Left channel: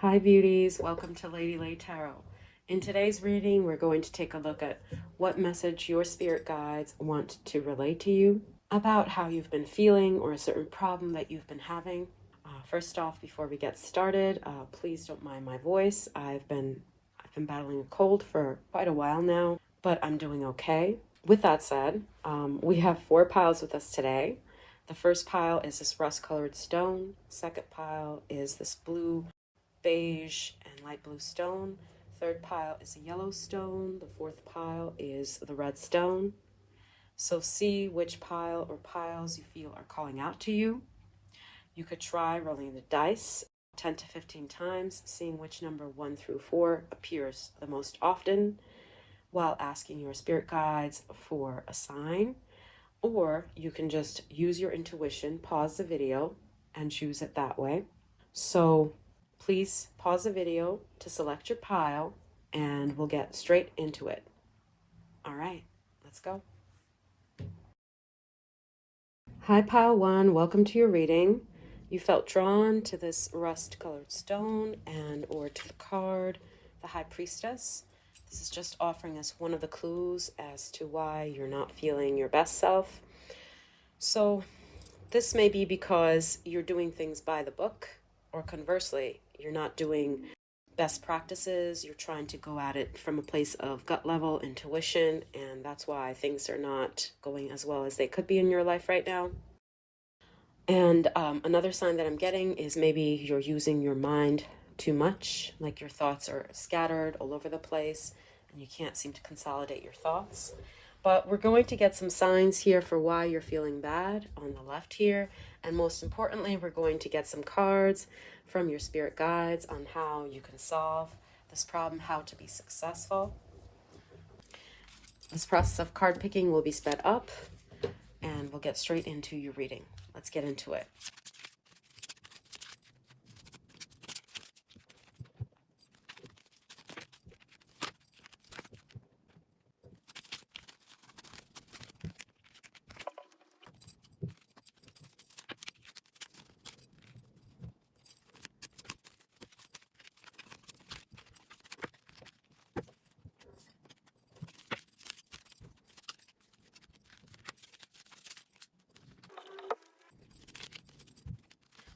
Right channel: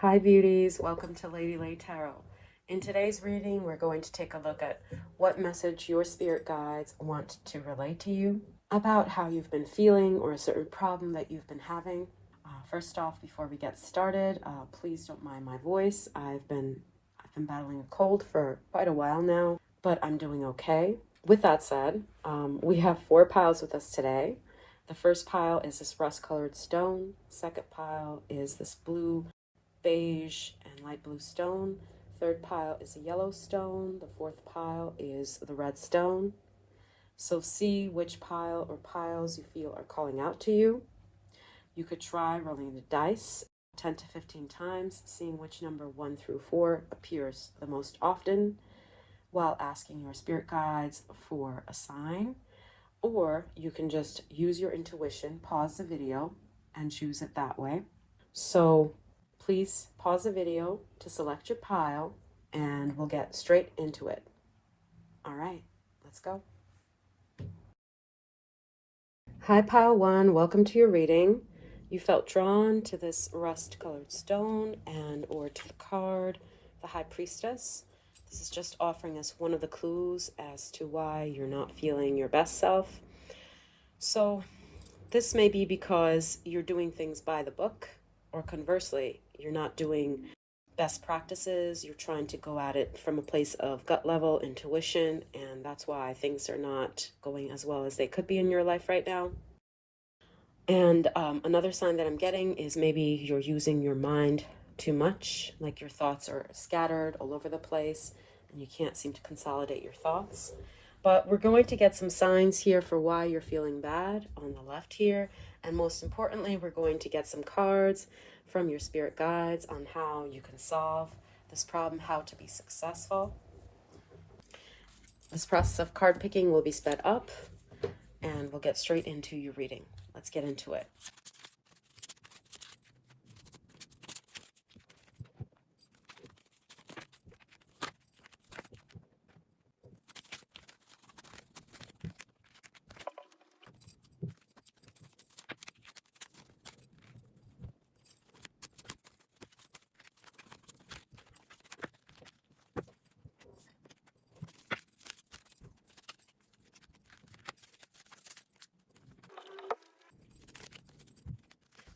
Hi beauties, welcome to Lady Lay Tarot. In today's reading, we're going to take a look at what message your spirit guides want to relay to you about how you've been feeling or a certain problem that you've been having. First off, before we get started, please don't mind my voice. I've been battling a cold for quite a while now, but I'm doing okay. With that said, we have 4 piles with us today. The first pile is this rust-colored stone. Second pile is this blue, beige, and light blue stone. Third pile is a yellow stone. The fourth pile is the red stone. So see which pile or piles you feel are calling out to you. You could try rolling the dice 10 to 15 times, seeing which number 1 through 4 appears the most often, while asking your spirit guides for a sign. Or you can just use your intuition, pause the video, and choose it that way. So please pause the video to select your pile, and we'll get straight into it. All right, let's go. Hi, pile 1, welcome to your reading. You felt drawn to this rust-colored stone and or to the card, the High Priestess. This is just offering us one of the clues as to why you're not feeling your best self. So this may be because you're doing things by the book, or conversely, you're not doing best practices. You're trying to go at it from a place of gut level intuition, and that's why things are not going as well as they could be in your life right now. And another sign that I'm getting is maybe you're using your mind too much, like your thoughts are scattered all over the place and you can't seem to consolidate your thoughts. But we're going to get some signs here for why you're feeling bad on the left here. And most importantly, we're going to get some cards from your spirit guides on how you can solve this problem, how to be successful. This process of card picking will be sped up, and we'll get straight into your reading. Let's get into it.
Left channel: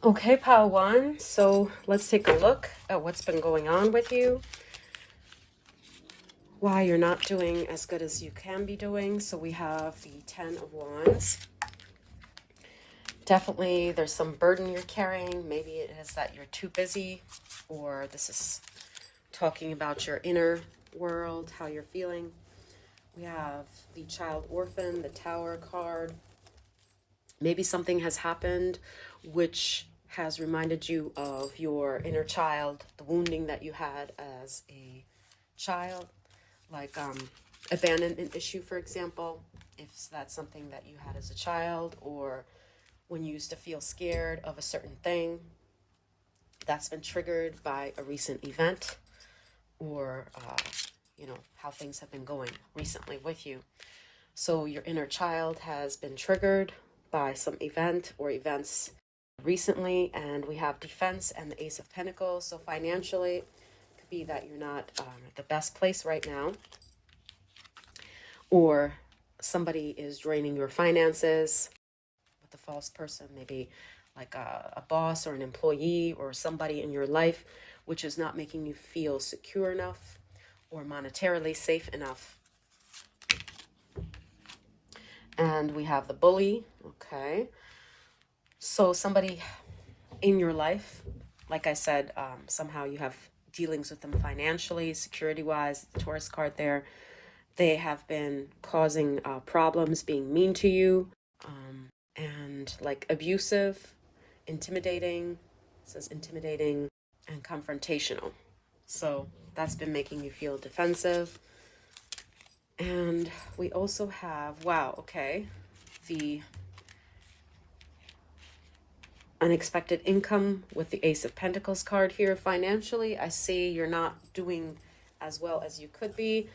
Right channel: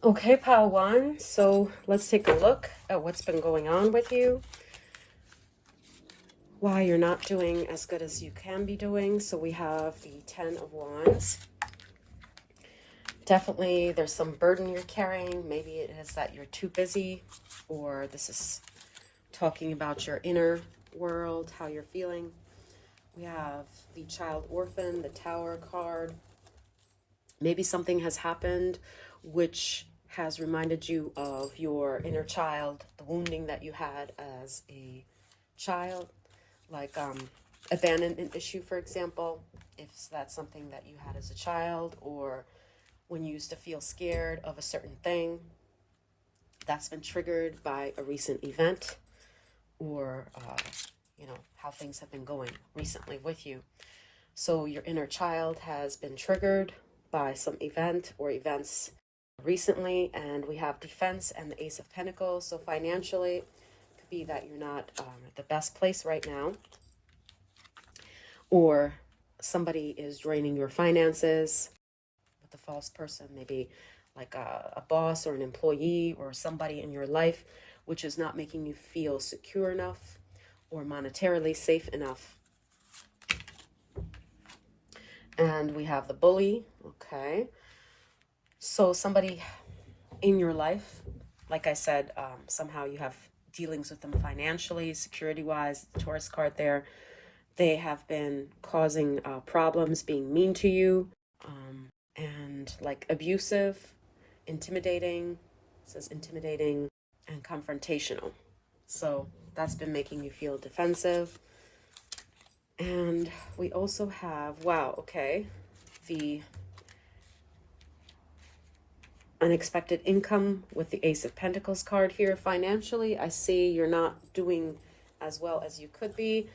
Okay, pile 1, so let's take a look at what's been going on with you, why you're not doing as good as you can be doing. So we have the 10 of Wands. Definitely there's some burden you're carrying. Maybe it is that you're too busy, or this is talking about your inner world, how you're feeling. We have the Child Orphan, the Tower card. Maybe something has happened which has reminded you of your inner child, the wounding that you had as a child, like abandonment issue, for example, if that's something that you had as a child, or when you used to feel scared of a certain thing, that's been triggered by a recent event, or how things have been going recently with you. So your inner child has been triggered by some event or events recently, and we have Defense and the Ace of Pentacles. So financially, it could be that you're not at the best place right now, or somebody is draining your finances with the false person, maybe like a boss or an employee or somebody in your life which is not making you feel secure enough or monetarily safe enough. And we have the Bully. Okay, so somebody in your life, like I said, somehow you have dealings with them financially, security-wise. The Taurus card there, they have been causing problems, being mean to you, and like abusive, intimidating. It says intimidating and confrontational. So that's been making you feel defensive. And we also have, wow, okay, the unexpected income with the Ace of Pentacles card here. Financially, I see you're not doing as well as you could be.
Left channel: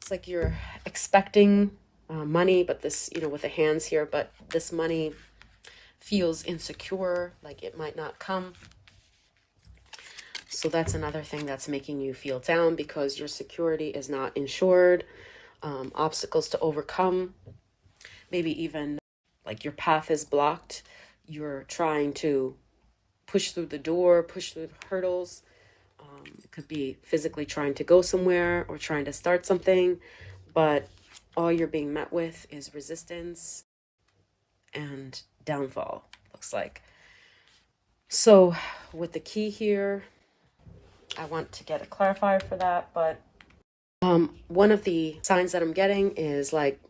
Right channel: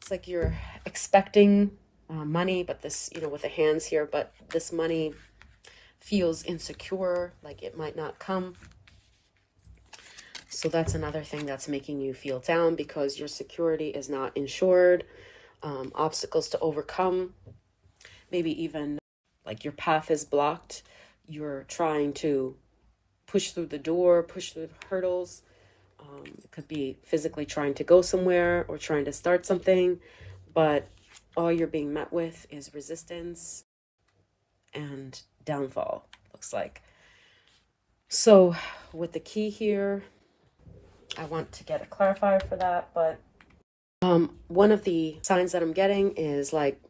It's like you're expecting money, but this, with the hands here, but this money feels insecure, like it might not come. So that's another thing that's making you feel down because your security is not insured. Obstacles to overcome, maybe even like your path is blocked. You're trying to push through the door, push through the hurdles. It could be physically trying to go somewhere or trying to start something, but all you're being met with is resistance and downfall, looks like. So with the key here, I want to get a clarifier for that, but one of the signs that I'm getting is like,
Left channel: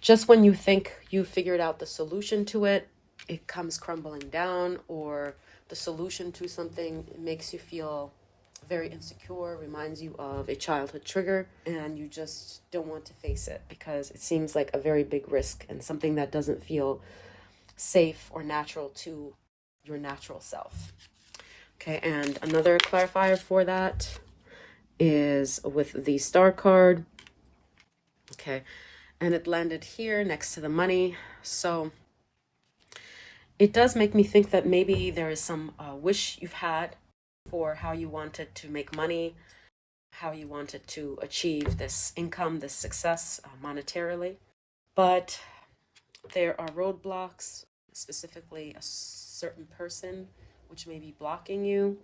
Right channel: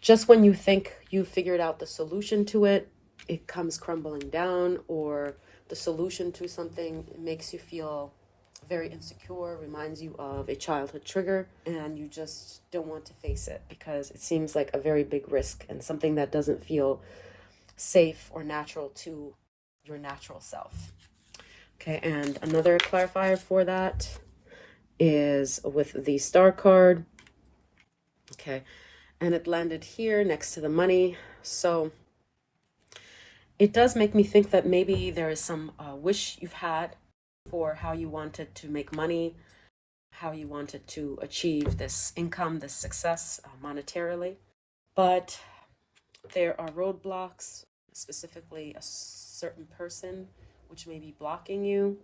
just when you think you figured out the solution to it, it comes crumbling down, or the solution to something makes you feel very insecure, reminds you of a childhood trigger, and you just don't want to face it because it seems like a very big risk and something that doesn't feel safe or natural to your natural self. Okay, and another clarifier for that is with the star card. Okay, and it landed here next to the money. So it does make me think that maybe there is some wish you've had for how you wanted to make money, how you wanted to achieve this income, this success monetarily. But there are roadblocks, specifically a certain person which may be blocking you,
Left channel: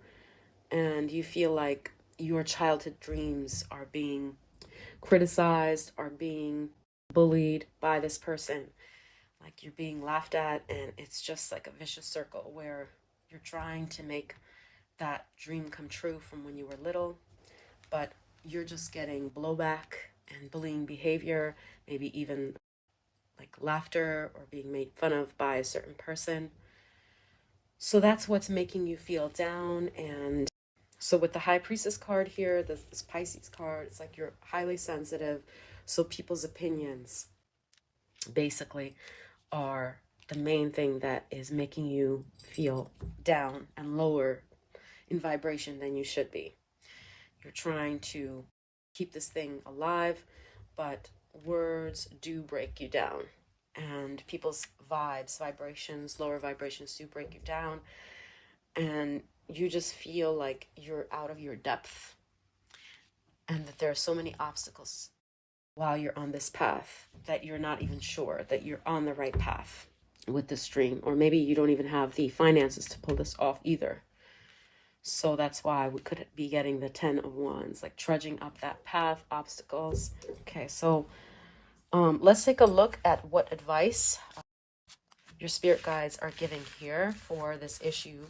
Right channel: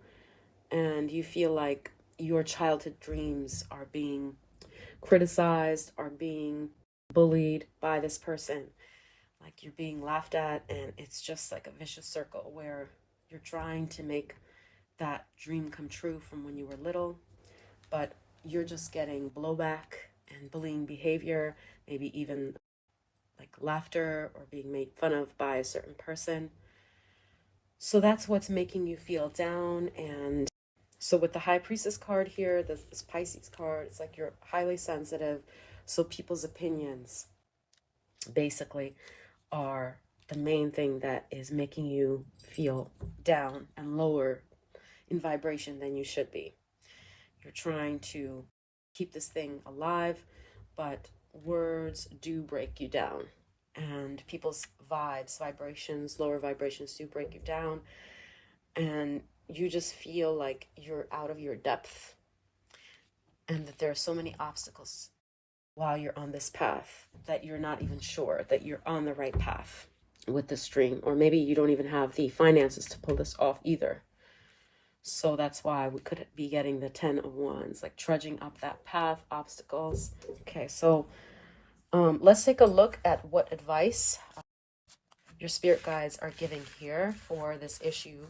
and you feel like your childhood dreams are being criticized, are being bullied by this person. Like you're being laughed at, and it's just like a vicious circle where you're trying to make that dream come true from when you were little, but you're just getting blowback and bullying behavior, maybe even like laughter or being made fun of by a certain person. So that's what's making you feel down. And so with the High Priestess card here, this Pisces card, it's like you're highly sensitive. So people's opinions basically are the main thing that is making you feel down and lower in vibration than you should be. You're trying to keep this thing alive, but words do break you down. And people's vibrations, lower vibrations do break you down. And you just feel like you're out of your depth. And that there are so many obstacles while you're on this path that you're not even sure that you're on the right path with this dream. Or maybe you don't even have the finances to pull this off either. So that's why we could be getting the 10 of Wands, like trudging up that path, obstacles. Okay, so let's take a look at what advice your spirit guides are giving here for this issue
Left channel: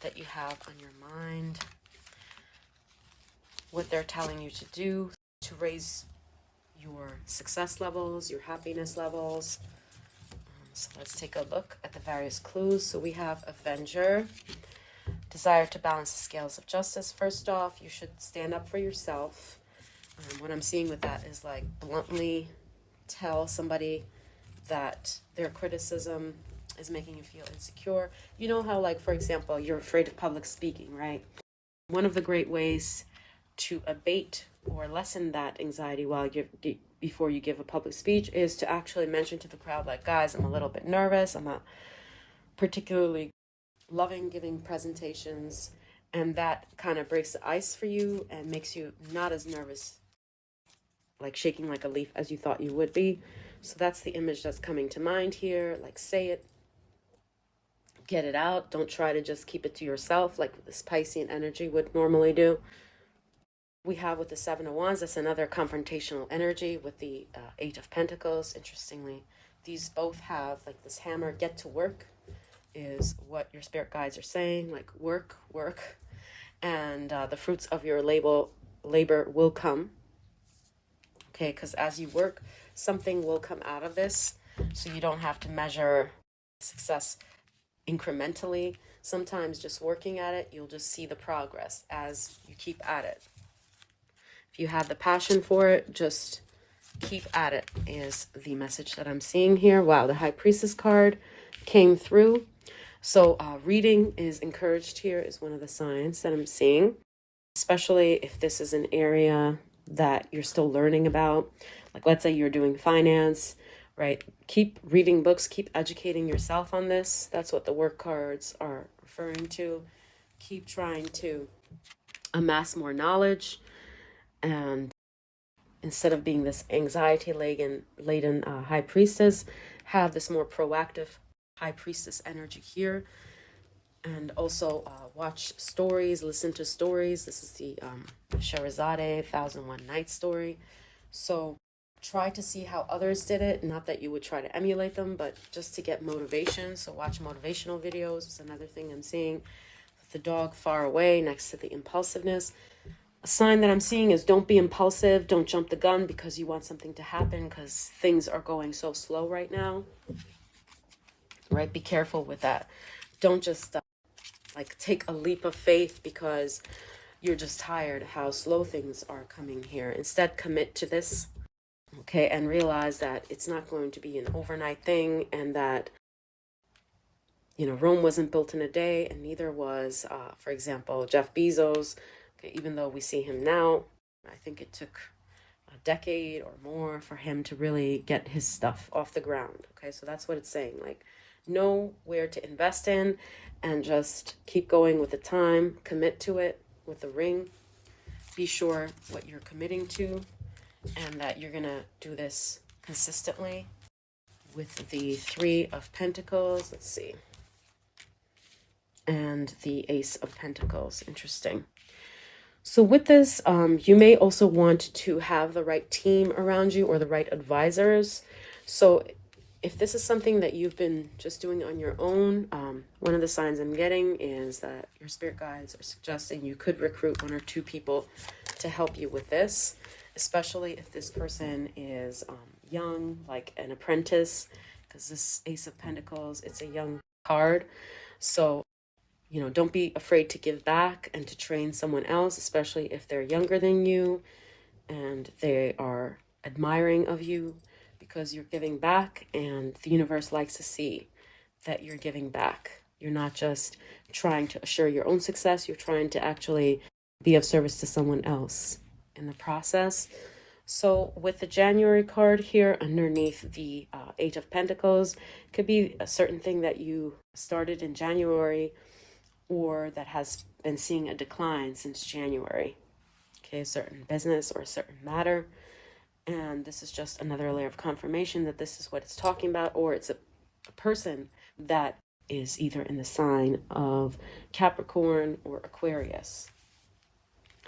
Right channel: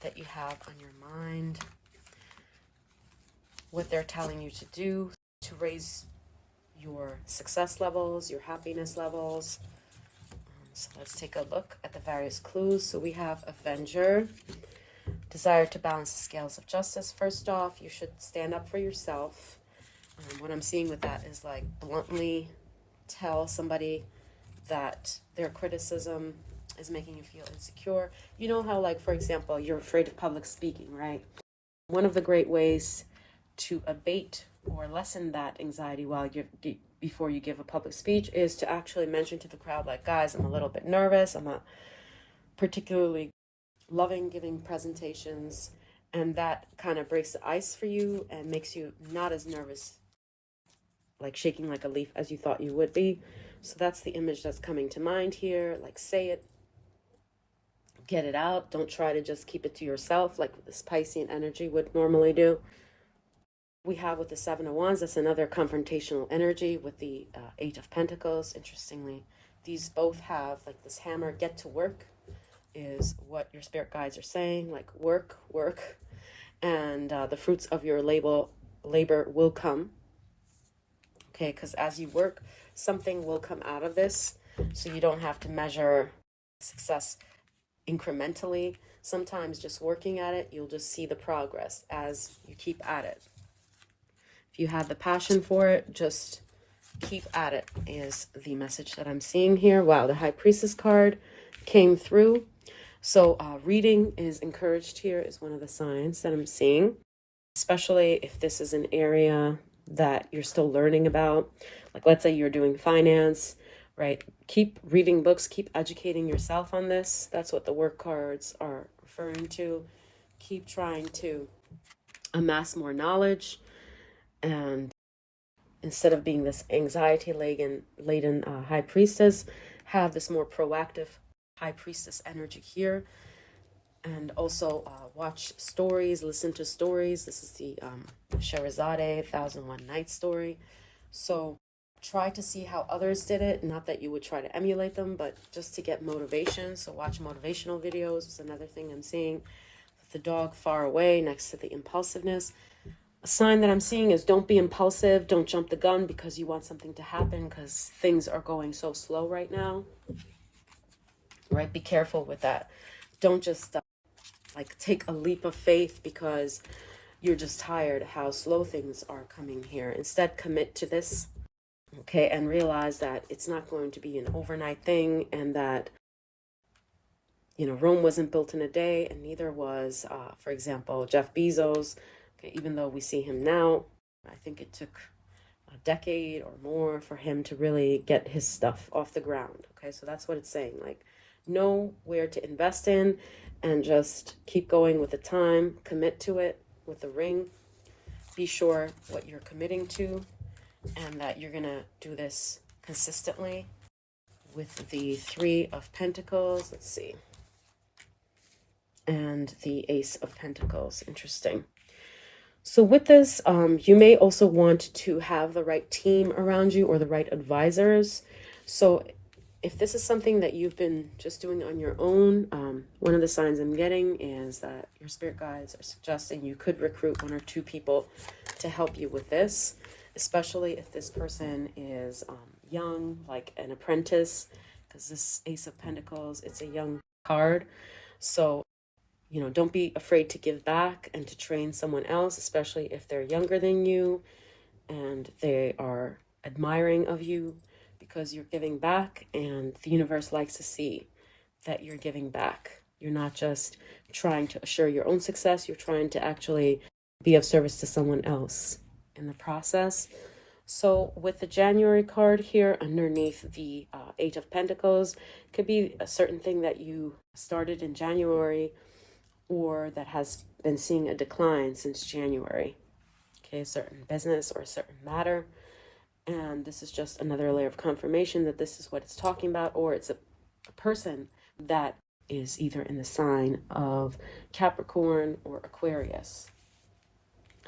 that you have on your mind. What they're telling you to do to raise your success levels, your happiness levels. So let's take a look at the various clues. So we have Avenger. Desire to balance the scales of justice. First off, you should stand up for yourself. What I'm seeing with that is like bluntly tell somebody that their criticism is making you feel insecure. You know how, like, for example, you're afraid of public speaking, right? One of the great ways to abate or lessen that anxiety before you give a public speech is to actually mention to the crowd, like, guys, I'm a little bit nervous. I'm not particularly loving giving presentations, and that kind of breaks the ice for you and makes you not as nervous, like shaking like a leaf as you thought you would be. So that's the image that's coming to mind here. Like, say it, get it out. Don't try to just keep it to yourself like this Piscean energy would normally do. We have with the Seven of Wands, that's another confrontational energy with the Eight of Pentacles. Interestingly, these both have like this hammer, get to work, is what your spirit guides are saying, like work, and the fruits of your labor will come. Okay, because as you work, something will come out of this. So you don't have to measure success incrementally. Sometimes just working at it, you'll just see the progress as you keep at it. If you have the passion for it, just keep at it is the message that I'm seeing here. Wow, the High Priestess card came through. So reading is encouraged here is one of the signs that I'm seeing, especially if this is an area that you're still learning about. Like, let's say you're doing finance, right? Keep reading books, keep educating yourself on this. That's what the work cards are referring to. keep trying to amass more knowledge, and instead of being this anxiety laden high priestess, have this more proactive high priestess energy here. And also watch stories, listen to stories. This is the Sherazade 1001 Night story. So try to see how others did it. Not that you would try to emulate them, but just to get motivation. So watch motivational videos is another thing I'm seeing. The dog far away next to the impulsiveness. A sign that I'm seeing is don't be impulsive. Don't jump the gun because you want something to happen, because things are going so slow right now. Right? Be careful with that. Don't just like take a leap of faith because you're just tired how slow things are coming here. Instead, commit to this, okay, and realize that it's not going to be an overnight thing, and that, you know, Rome wasn't built in a day, and neither was, for example, Jeff Bezos. Okay, even though we see him now, I think it took a decade or more for him to really get his stuff off the ground. Okay, so that's what it's saying. Like, know where to invest in and just keep going with the time. Commit to it with the ring. Be sure what you're committing to and that you're going to do this consistently. With the Three of Pentacles, let's see, and the Ace of Pentacles. Interesting. So with this, you may also want to have the right team around you or the right advisors. So if this is something that you've been just doing on your own, one of the signs I'm getting is that your spirit guides are suggesting you could recruit 1 or 2 people to help you with this, especially if this person is young, like an apprentice, because this Ace of Pentacles, it's a young card. So, you know, don't be afraid to give back and to train someone else, especially if they're younger than you and they are admiring of you, because you're giving back, and the universe likes to see that you're giving back. You're not just trying to assure your own success, you're trying to actually be of service to someone else in the process. So with the January card here underneath the Eight of Pentacles, could be a certain thing that you started in January or that has been seeing a decline since January. Okay, a certain business or a certain matter. And this is just another layer of confirmation that this is what it's talking about, or it's a person that is either in the sign of Capricorn or Aquarius.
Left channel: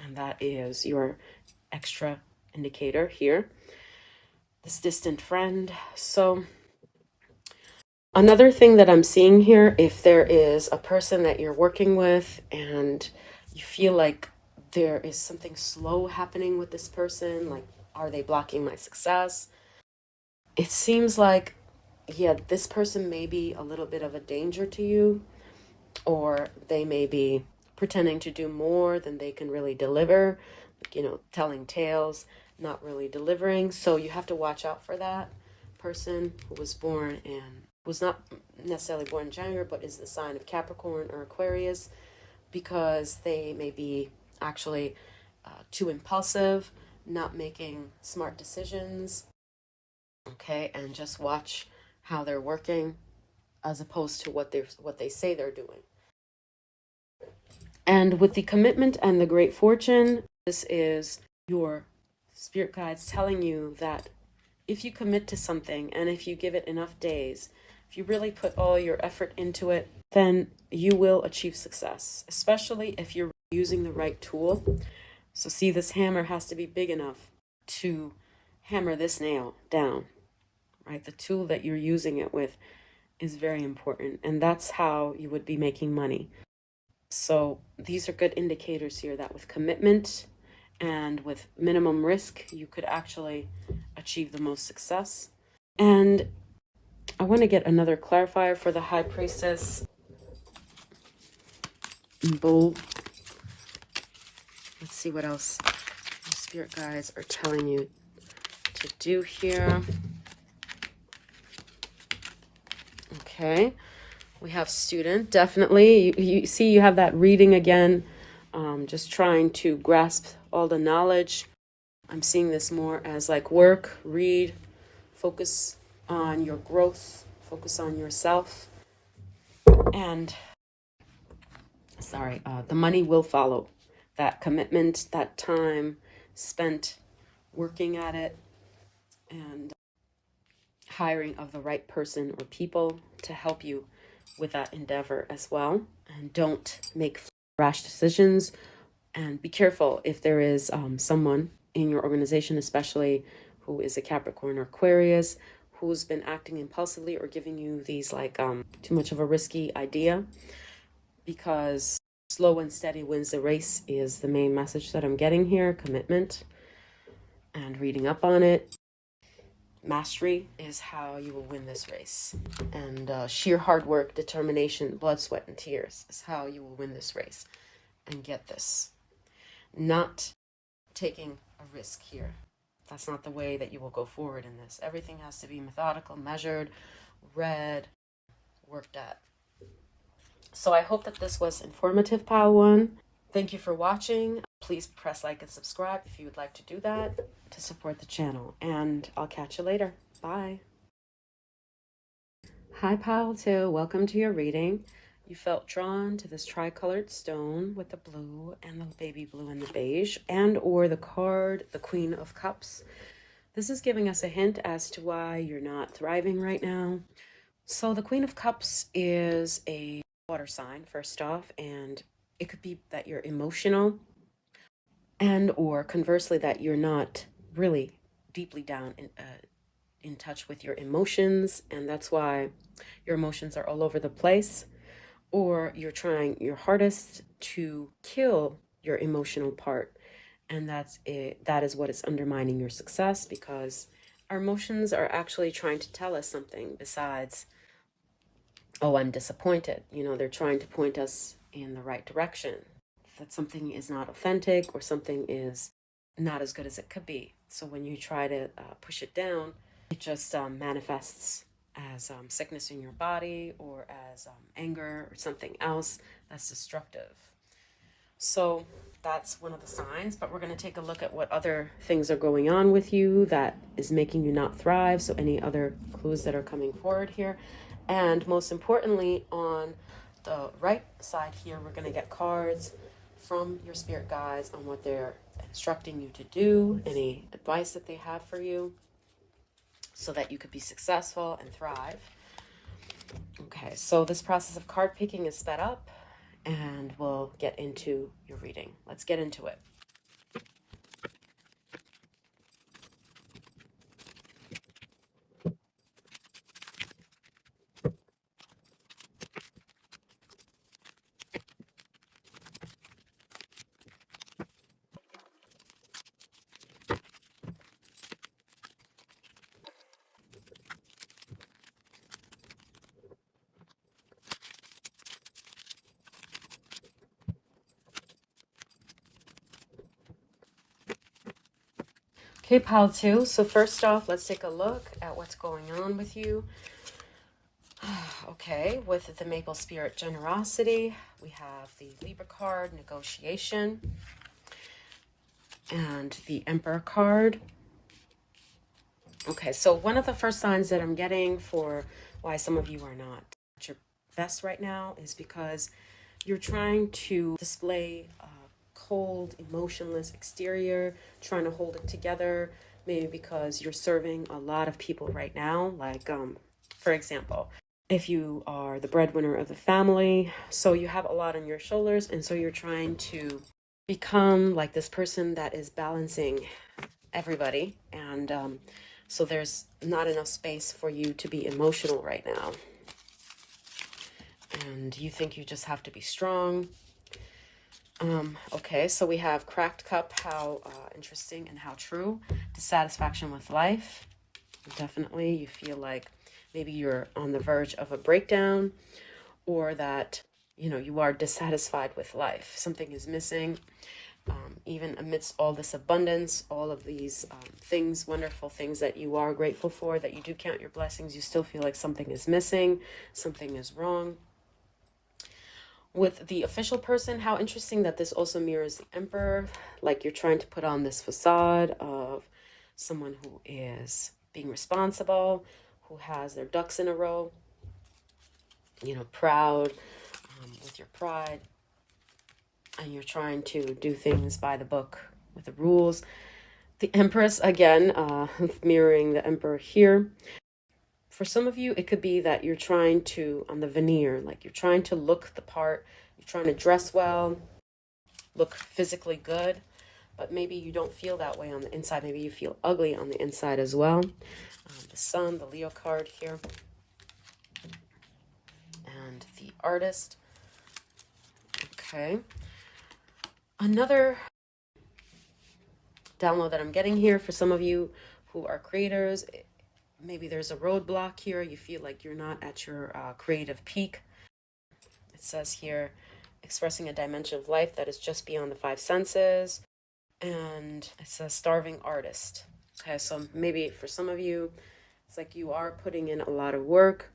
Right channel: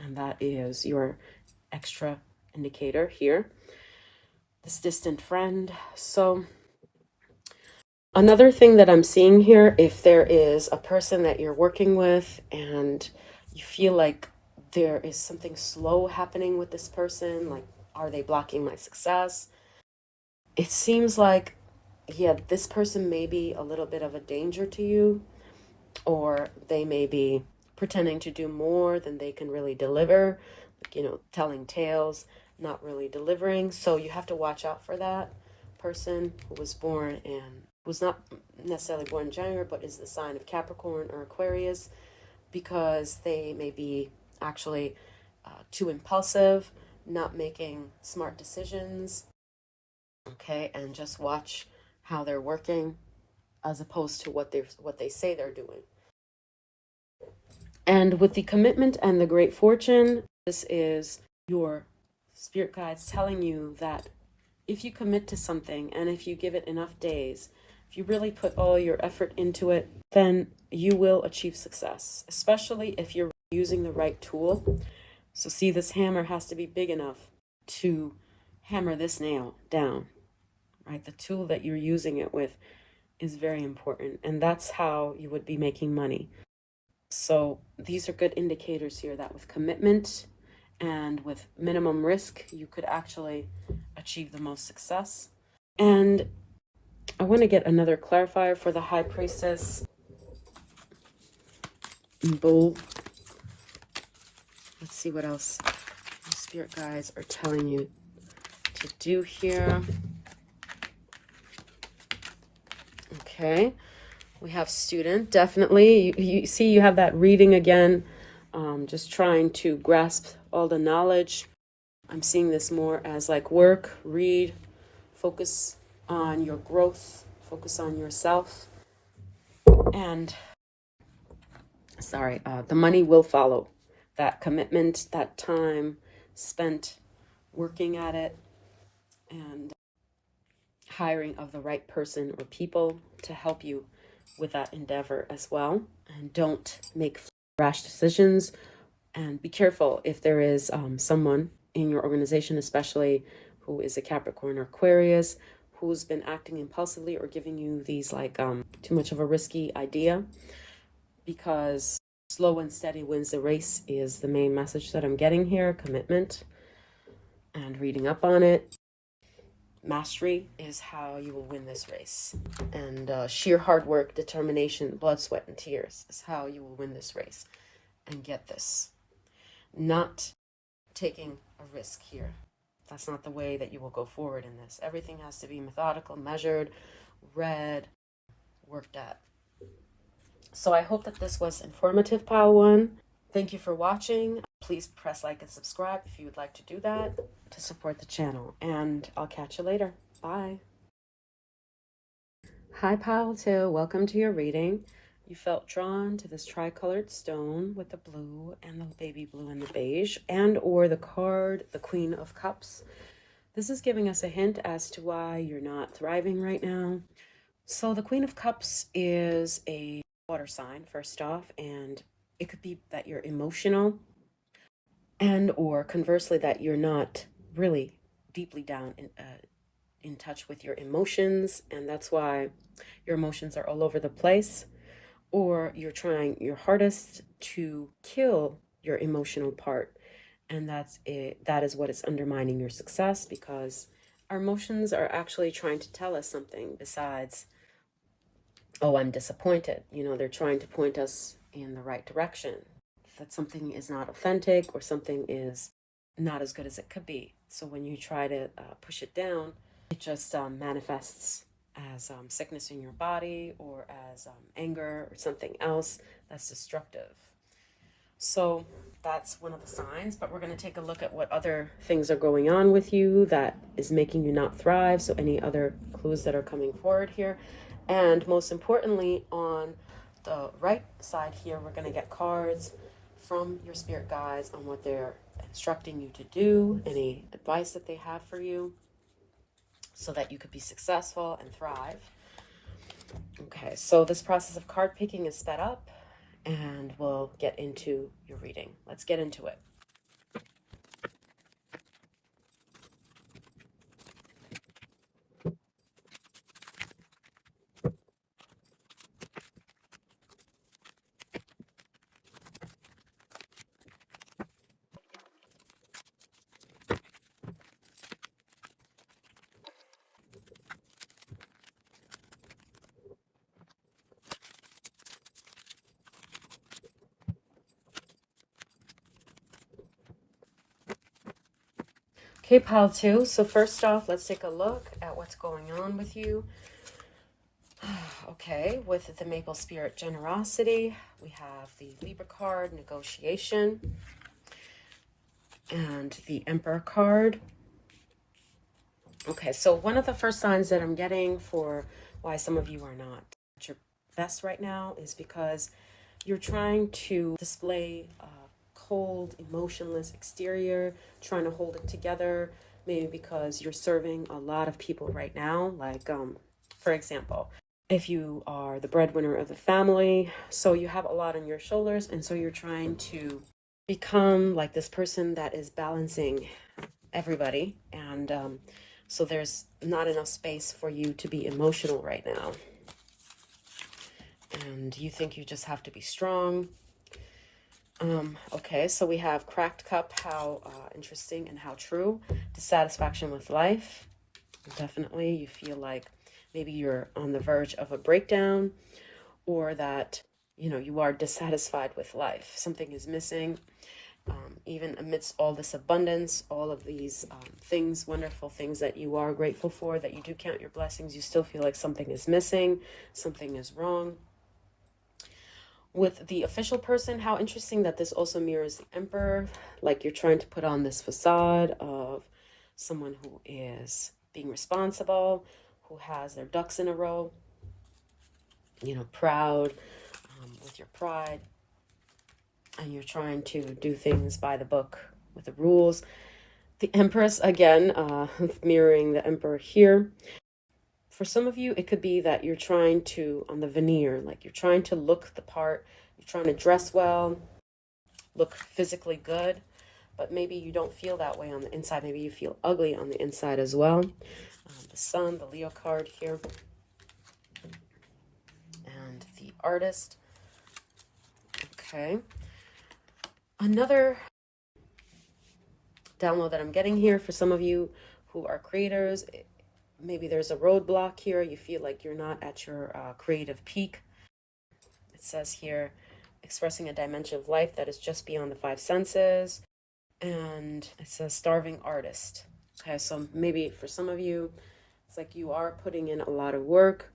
And that is your extra indicator here, this distant friend. So another thing that I'm seeing here, if there is a person that you're working with and you feel like there is something slow happening with this person, like, are they blocking my success? It seems like, yeah, this person may be a little bit of a danger to you, or they may be pretending to do more than they can really deliver, you know, telling tales, not really delivering. So you have to watch out for that person who was born in, was not necessarily born in January, but is the sign of Capricorn or Aquarius, because they may be actually too impulsive, not making smart decisions. Okay, and just watch how they're working as opposed to what they say they're doing. And with the Commitment and the Great Fortune, this is your spirit guides telling you that if you commit to something and if you give it enough days, if you really put all your effort into it, then you will achieve success, especially if you're using the right tool. So see, this hammer has to be big enough to hammer this nail down, right? The tool that you're using it with is very important, and that's how you would be making money. So these are good indicators here that with commitment and with minimum risk, you could actually achieve the most success. And I want to get another clarifier for the High Priestess in bold. Let's see what else the spirit guides are telling you to do here. Okay, we have student, definitely. You see, you have that reading again, just trying to grasp all the knowledge. I'm seeing this more as like work, read, focus on your growth, focus on yourself. And the money will follow. That commitment, that time spent working at it, and hiring of the right person or people to help you with that endeavor as well. And don't make rash decisions, and be careful if there is someone in your organization, especially who is a Capricorn or Aquarius, who's been acting impulsively or giving you these too much of a risky idea, because slow and steady wins the race is the main message that I'm getting here. Commitment and reading up on it. Mastery is how you will win this race. And sheer hard work, determination, blood, sweat, and tears is how you will win this race and get this. Not taking a risk here. That's not the way that you will go forward in this. Everything has to be methodical, measured, read, worked at. So I hope that this was informative, Pile 1. Thank you for watching. Please press like and subscribe if you would like to do that to support the channel. And I'll catch you later. Bye. Hi, Pile 2. Welcome to your reading. You felt drawn to this tricolored stone with the blue and the baby blue and the beige, and or the card, the Queen of Cups. This is giving us a hint as to why you're not thriving right now. So the Queen of Cups is a water sign, first off, and it could be that you're emotional, and or conversely that you're not really deeply down in touch with your emotions, and that's why your emotions are all over the place. Or you're trying your hardest to kill your emotional part, and that's it. That is what is undermining your success, because our emotions are actually trying to tell us something besides, oh, I'm disappointed. You know, they're trying to point us in the right direction, that something is not authentic or something is not as good as it could be. So when you try to push it down, it just manifests as sickness in your body, or as anger or something else that's destructive. So that's one of the signs, but we're going to take a look at what other things are going on with you that is making you not thrive. So any other clues that are coming forward here. And most importantly, on the right side here, we're going to get cards from your spirit guides on what they're instructing you to do, any advice that they have for you, so that you could be successful and thrive. Okay, so this process of card picking is sped up, and we'll get into your reading. Let's get into it. Okay, pile 2. So first off, let's take a look at what's going on with you. Okay, with the Maple Spirit Generosity, we have the Libra card, Negotiation, and the Emperor card. Okay, so one of the first signs that I'm getting for why some of you are not at your best right now is because you're trying to display a cold, emotionless exterior, trying to hold it together, maybe because you're serving a lot of people right now. Like, for example, if you are the breadwinner of the family, so you have a lot on your shoulders, and so you're trying to become like this person that is balancing everybody, and so there's not enough space for you to be emotional right now, and you think you just have to be strong. Okay, so we have Cracked Cup, how interesting and how true. Dissatisfaction with life. Definitely, you feel like maybe you're on the verge of a breakdown, or that, you know, you are dissatisfied with life. Something is missing. Even amidst all this abundance, all of these things, wonderful things that you are grateful for, that you do count your blessings, you still feel like something is missing, something is wrong. With the official person, how interesting that this also mirrors the Emperor, like you're trying to put on this facade of someone who is being responsible, who has their ducks in a row, you know, proud, with your pride. and you're trying to do things by the book with the rules. The Empress, again, mirroring the Emperor here. For some of you, it could be that you're trying to, on the veneer, like you're trying to look the part, you're trying to dress well, look physically good, but maybe you don't feel that way on the inside. Maybe you feel ugly on the inside as well. The Sun, the Leo card here, and the Artist. Okay. Another download that I'm getting here for some of you who are creators, maybe there's a roadblock here. You feel like you're not at your creative peak. It says here, expressing a dimension of life that is just beyond the five senses. And it says starving artist. Okay, so maybe for some of you, it's like you are putting in a lot of work,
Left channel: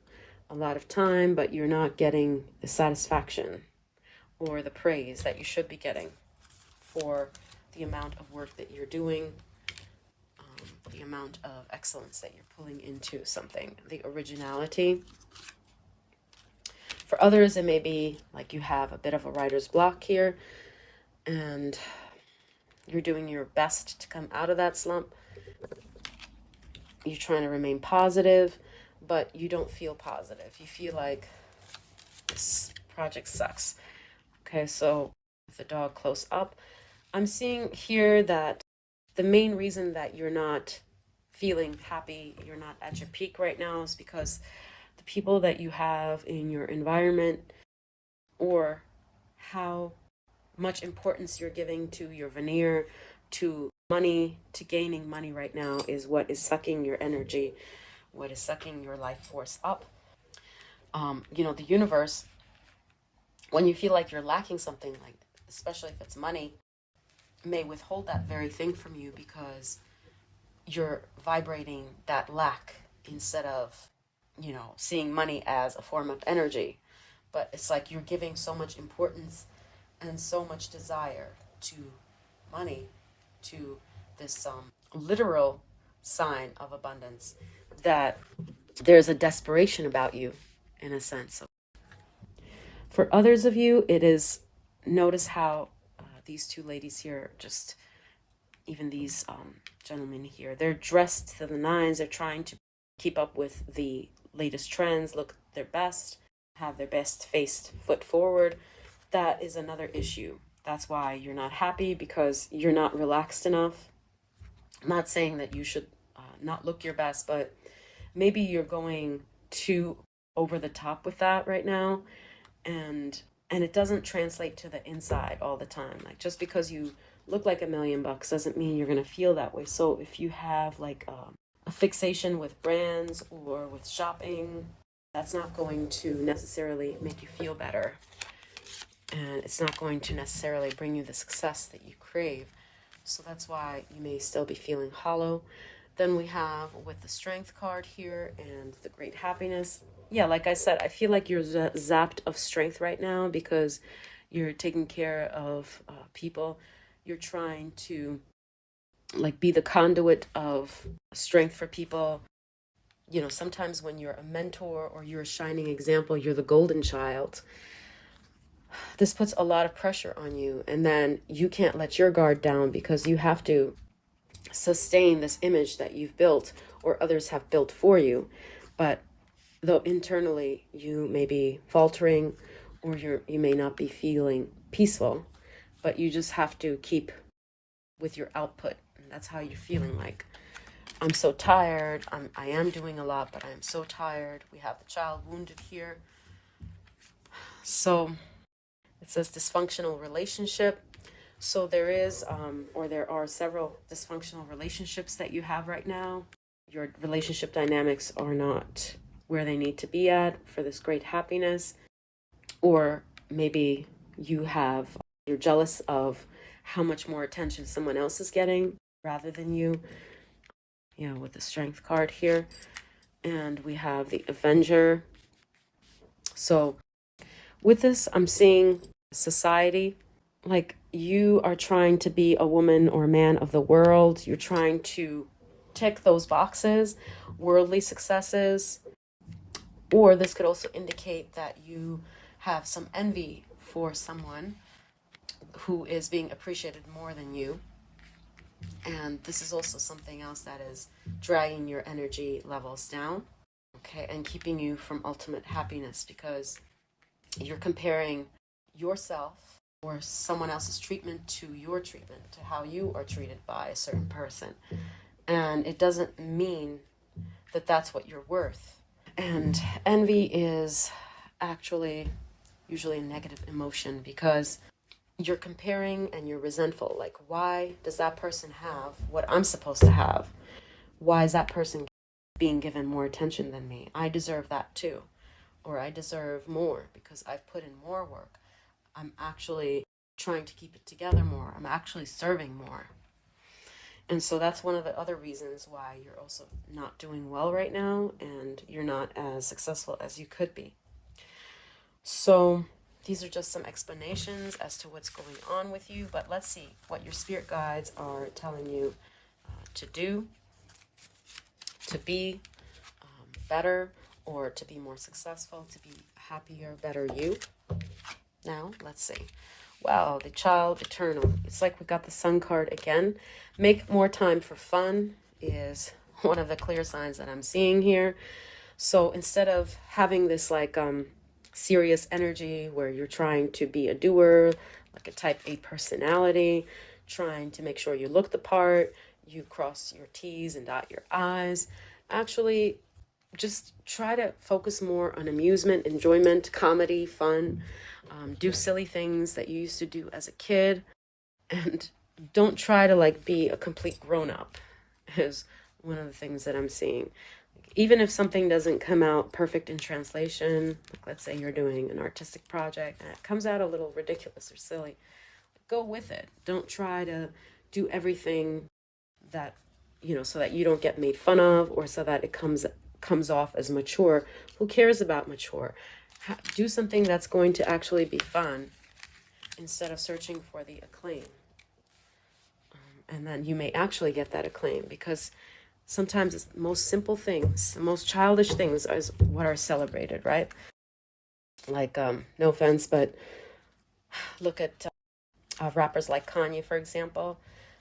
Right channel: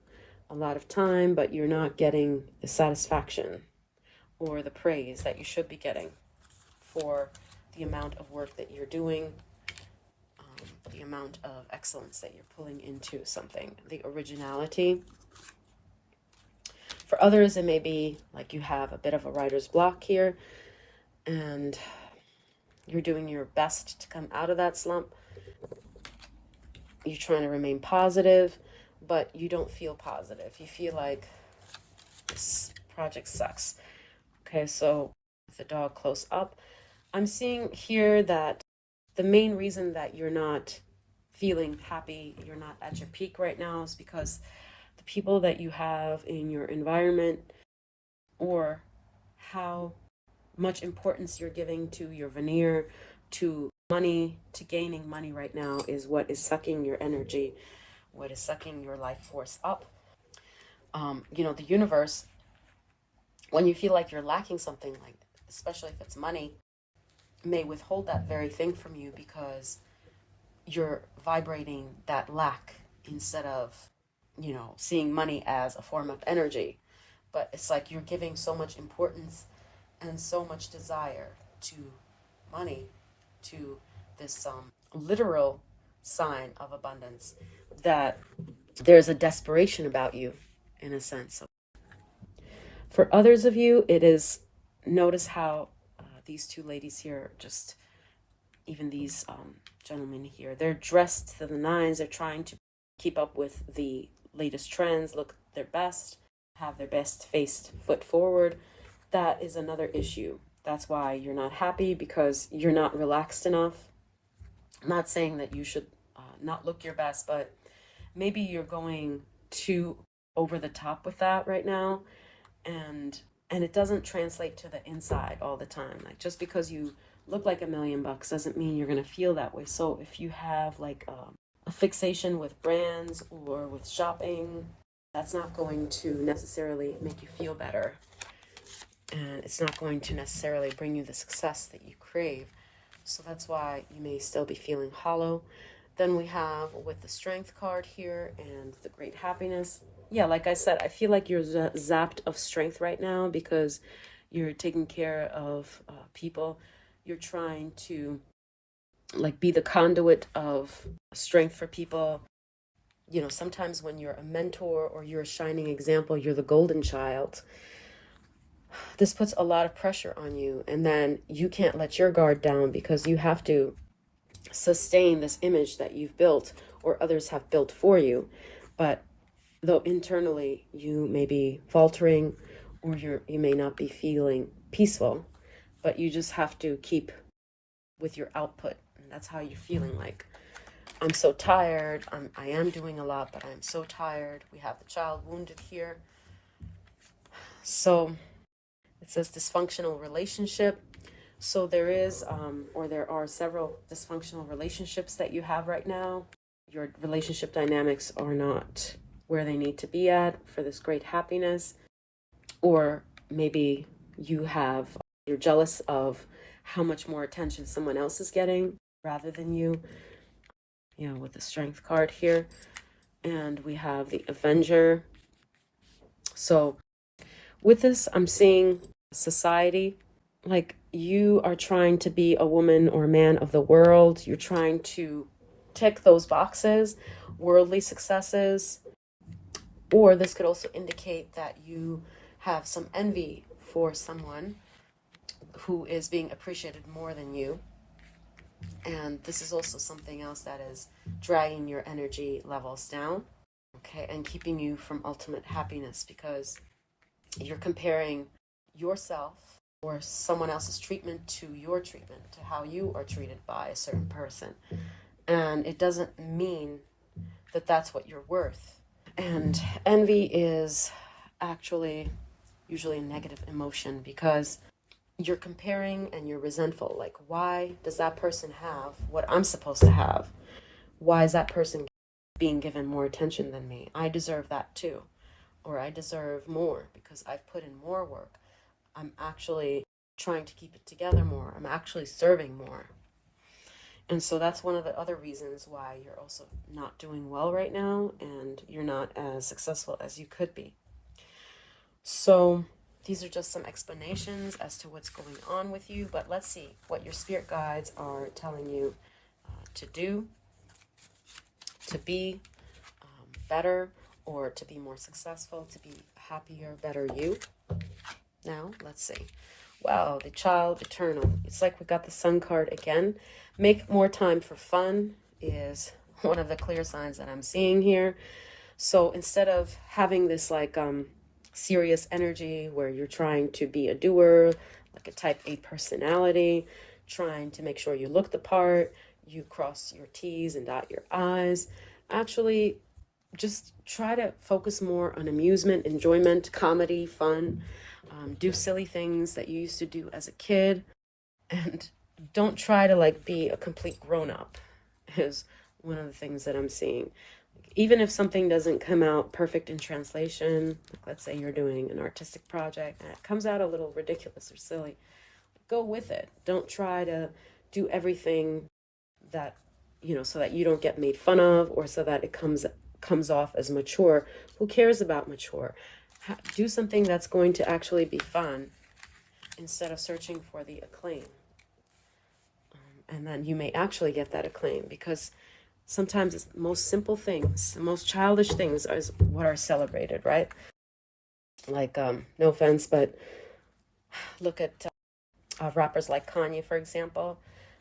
a lot of time, but you're not getting the satisfaction or the praise that you should be getting for the amount of work that you're doing, the amount of excellence that you're pulling into something, the originality. For others, it may be like you have a bit of a writer's block here, and you're doing your best to come out of that slump. You're trying to remain positive, but you don't feel positive. You feel like this project sucks. Okay, so with the dog close up, I'm seeing here that the main reason that you're not feeling happy, you're not at your peak right now, is because the people that you have in your environment, or how much importance you're giving to your veneer, to money, to gaining money right now, is what is sucking your energy, what is sucking your life force up. The universe, when you feel like you're lacking something, like especially if it's money, may withhold that very thing from you because you're vibrating that lack instead of, seeing money as a form of energy. But it's like you're giving so much importance and so much desire to money, to this literal sign of abundance, that there's a desperation about you, in a sense. For others of you, it is, notice how these two ladies here, just even these gentlemen here, they're dressed to the nines. They're trying to keep up with the latest trends, look their best, have their best face foot forward. That is another issue. That's why you're not happy, because you're not relaxed enough. I'm not saying that you should not look your best, but maybe you're going too over the top with that right now, and it doesn't translate to the inside all the time. Like, just because you look like $1,000,000 doesn't mean you're gonna feel that way. So if you have like a fixation with brands or with shopping, that's not going to necessarily make you feel better, and it's not going to necessarily bring you the success that you crave. So that's why you may still be feeling hollow. Then we have with the Strength card here and the Great Happiness. Yeah, like I said, I feel like you're zapped of strength right now because you're taking care of people. You're trying to like be the conduit of strength for people. Sometimes when you're a mentor or you're a shining example, you're the golden child. This puts a lot of pressure on you, and then you can't let your guard down because you have to sustain this image that you've built or others have built for you. But though internally you may be faltering, or you may not be feeling peaceful, but you just have to keep with your output. And that's how you're feeling. Like, I'm so tired. I am doing a lot, but I'm so tired. We have the child wounded here. So it says dysfunctional relationship. So there is, or there are several dysfunctional relationships that you have right now. Your relationship dynamics are not where they need to be at for this great happiness. Or maybe you're jealous of how much more attention someone else is getting rather than you, with the Strength card here. And we have the Avenger. So with this, I'm seeing society, like you are trying to be a woman or man of the world. You're trying to tick those boxes, worldly successes. Or this could also indicate that you have some envy for someone, who is being appreciated more than you. And this is also something else that is dragging your energy levels down, okay, and keeping you from ultimate happiness, because you're comparing yourself or someone else's treatment to your treatment, to how you are treated by a certain person. And it doesn't mean that that's what you're worth. And envy is actually usually a negative emotion, because you're comparing and you're resentful. Like, why does that person have what I'm supposed to have? Why is that person being given more attention than me? I deserve that too. Or I deserve more because I've put in more work. I'm actually trying to keep it together more. I'm actually serving more. And so that's one of the other reasons why you're also not doing well right now, and you're not as successful as you could be. So these are just some explanations as to what's going on with you, but let's see what your spirit guides are telling you to do, to be better, or to be more successful, to be happier, better you. Now, let's see. Wow, the Child Eternal. It's like we got the Sun card again. Make more time for fun is one of the clear signs that I'm seeing here. So instead of having this like serious energy where you're trying to be a doer, like a type A personality, trying to make sure you look the part, you cross your T's and dot your I's, actually just try to focus more on amusement, enjoyment, comedy, fun. Do silly things that you used to do as a kid, and don't try to like be a complete grown-up is one of the things that I'm seeing. Even if something doesn't come out perfect in translation, like let's say you're doing an artistic project and it comes out a little ridiculous or silly, go with it. Don't try to do everything that, so that you don't get made fun of, or so that it comes off as mature. Who cares about mature? Do something that's going to actually be fun instead of searching for the acclaim. And then you may actually get that acclaim, because sometimes it's the most simple things, the most childish things are what are celebrated, right? Like, no offense, but look at rappers like Kanye, for example.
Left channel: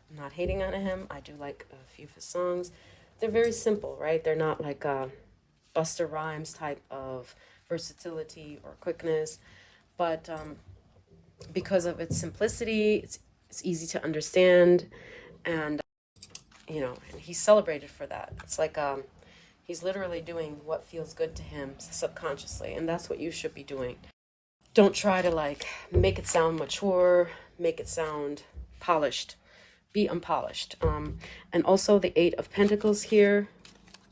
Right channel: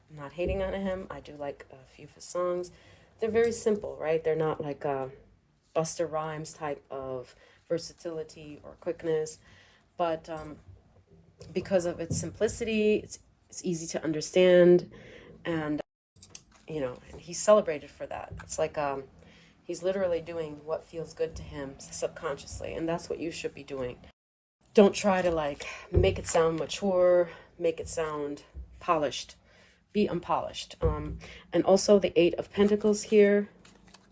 I'm not hating on him. I do like a few of his songs. They're very simple, right? They're not like Busta Rhymes type of versatility or quickness, but because of its simplicity, it's easy to understand, and and he's celebrated for that. It's like he's literally doing what feels good to him subconsciously, and that's what you should be doing. Don't try to like make it sound mature, make it sound polished. Be unpolished. And also the Eight of Pentacles here.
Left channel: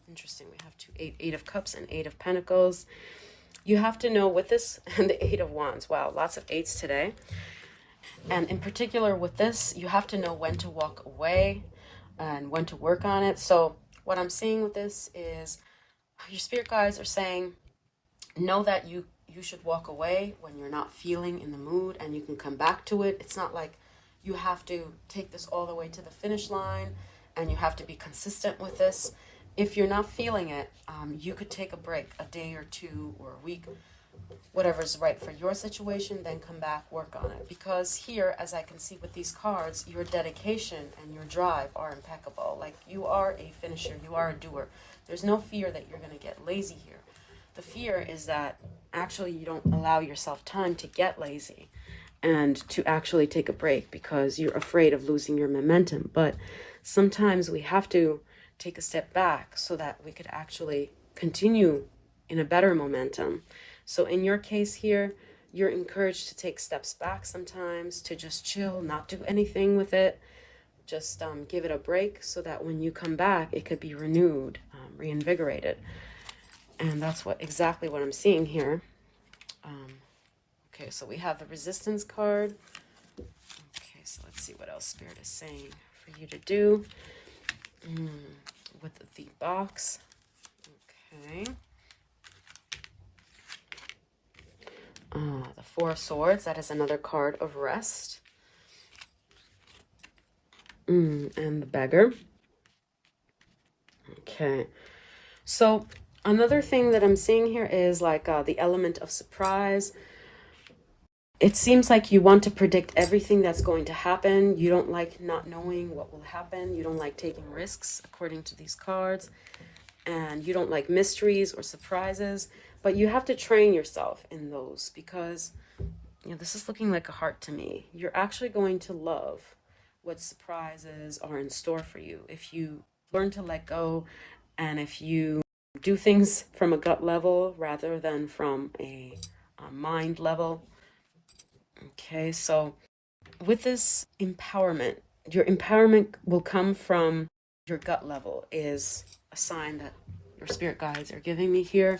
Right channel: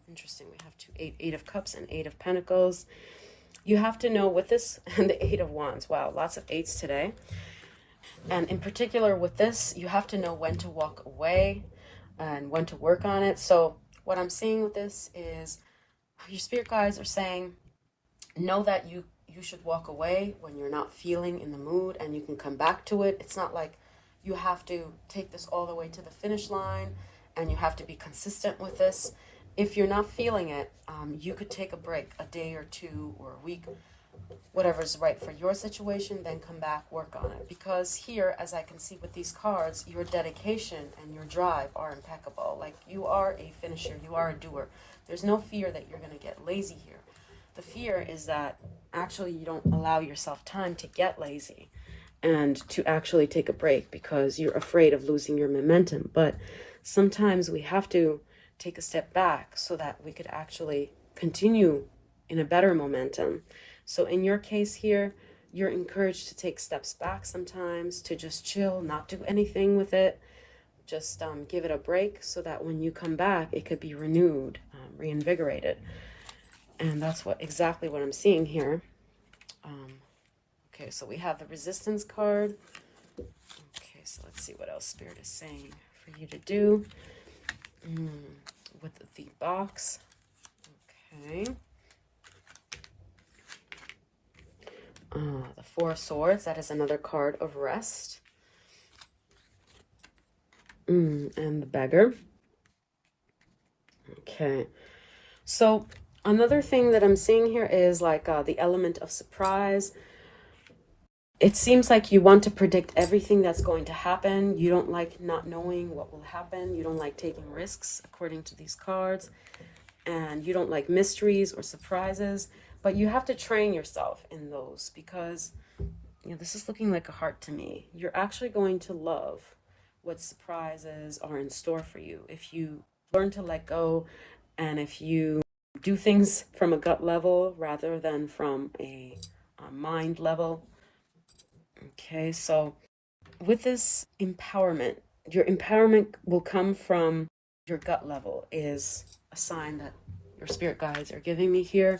Interesting. We have eight of Cups and Eight of Pentacles. You have to know with this, and the Eight of Wands. Wow, lots of eights today. And in particular with this, you have to know when to walk away and when to work on it. So what I'm seeing with this is your spirit guides are saying, know that you should walk away when you're not feeling in the mood, and you can come back to it. It's not like you have to take this all the way to the finish line and you have to be consistent with this. If you're not feeling it, you could take a break, a day or two or a week, whatever's right for your situation, then come back, work on it. Because here, as I can see with these cards, your dedication and your drive are impeccable. Like, you are a finisher, you are a doer. There's no fear that you're going to get lazy here. The fear is that actually you don't allow yourself time to get lazy and to actually take a break, because you're afraid of losing your momentum. But sometimes we have to take a step back so that we could actually continue in a better momentum. So in your case here, you're encouraged to take steps back sometimes, to just chill, not do anything with it. Just give it a break so that when you come back, it could be renewed, reinvigorated. And that's exactly what I'm seeing here. Okay, so we have the Resistance card. Okay, so let's see what else Spirit is saying for you to do with the box. Okay. The Four of Swords, that is another card of rest. And the Beggar. Okay. So another thing that I'm seeing here is like the element of surprise. it seems like you want to predict everything that's going to happen. You don't like not knowing what will happen. You don't like taking risks, according to these cards. And you don't like mysteries or surprises. But you have to train yourself in those because, you know, this is looking like a heart to me. You're actually going to love what surprises are in store for you if you learn to let go and if you do things from a gut level rather than from a mind level. Okay, so with this empowerment, your empowerment will come from your gut level, is a sign that your spirit guides are giving me here.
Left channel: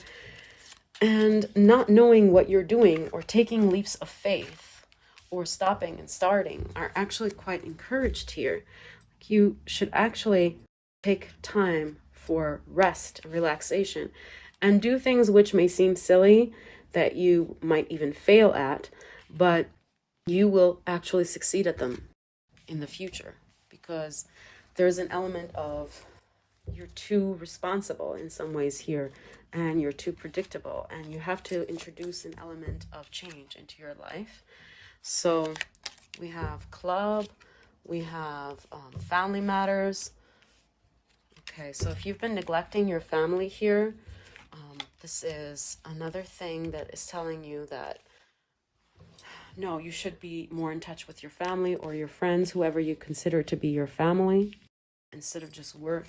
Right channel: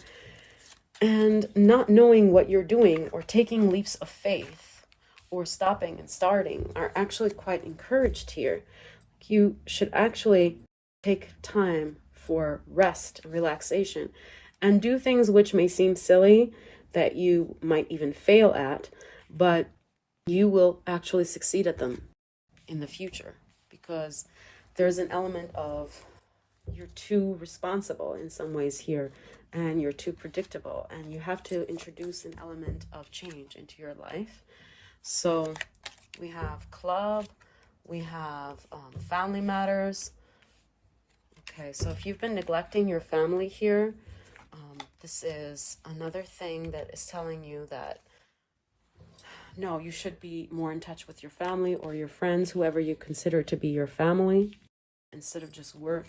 And not knowing what you're doing or taking leaps of faith or stopping and starting are actually quite encouraged here. You should actually take time for rest and relaxation and do things which may seem silly that you might even fail at, but you will actually succeed at them in the future because there's an element of you're too responsible in some ways here and you're too predictable and you have to introduce an element of change into your life. So we have club, we have family matters. Okay, so if you've been neglecting your family here, this is another thing that is telling you that no, you should be more in touch with your family or your friends, whoever you consider to be your family, instead of just work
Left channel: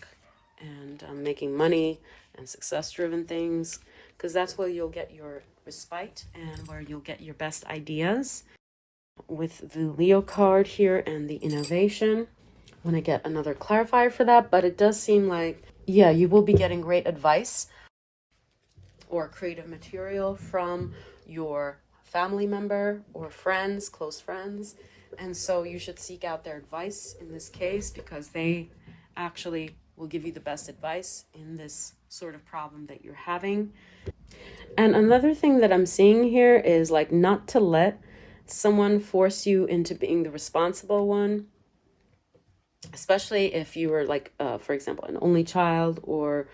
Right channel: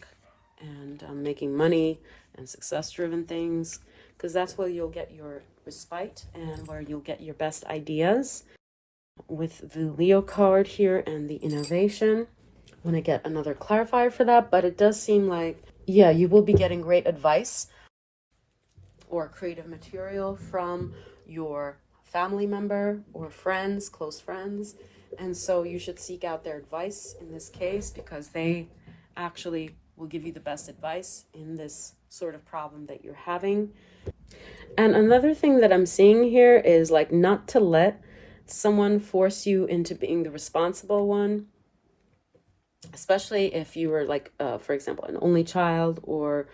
and making money and success-driven things, because that's where you'll get your respite and where you'll get your best ideas. With the Leo card here and the innovation, I want to get another clarifier for that, but it does seem like, yeah, you will be getting great advice or creative material from your family member or friends, close friends. And so you should seek out their advice in this case because they actually will give you the best advice in this sort of problem that you're having. And another thing that I'm seeing here is like not to let someone force you into being the responsible one, especially if you were like, for example, an only child or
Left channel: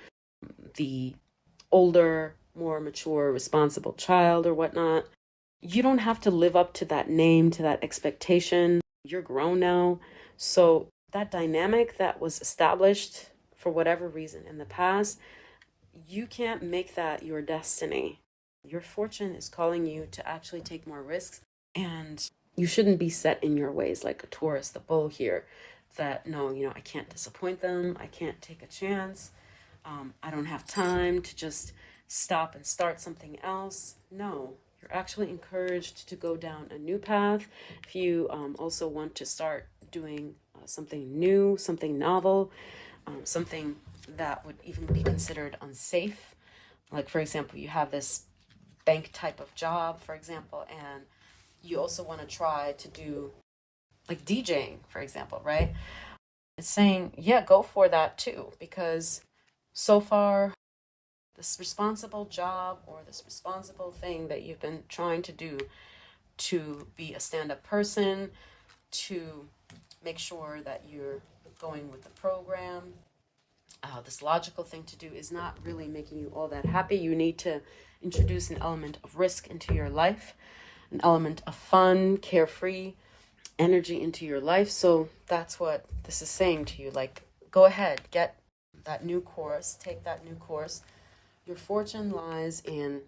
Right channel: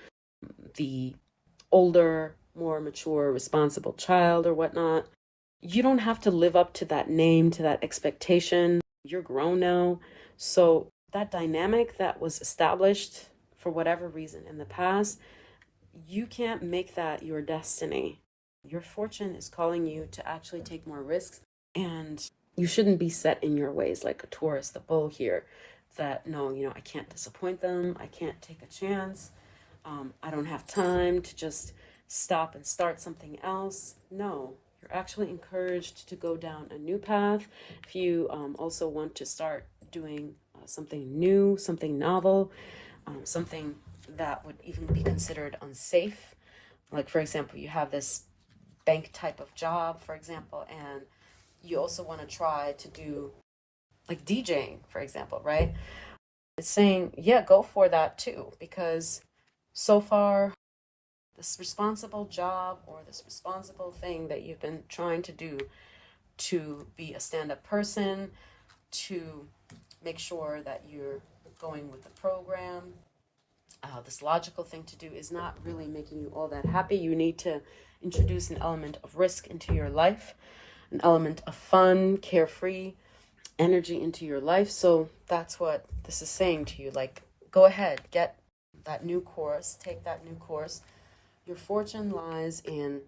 the older, more mature, responsible child or whatnot. You don't have to live up to that name, to that expectation. You're grown now. So that dynamic that was established for whatever reason in the past, you can't make that your destiny. Your fortune is calling you to actually take more risks, and you shouldn't be set in your ways like a Taurus, the bull here, that no, you know, I can't disappoint them. I can't take a chance. I don't have time to just stop and start something else. No, you're actually encouraged to go down a new path. If you also want to start doing something new, something novel, something that would even be considered unsafe. Like, for example, you have this bank type of job, for example, and you also want to try to do like DJing, for example, right? It's saying, yeah, go for that too, because so far, this responsible job or this responsible thing that you've been trying to do to be a stand-up person, to make sure that you're going with the program, this logical thing to do is not really making you all that happy. You need to introduce an element of risk into your life, an element of fun, carefree energy into your life. So that's what this is saying to you. Like, go ahead, get that new course, take that new course. Your fortune lies in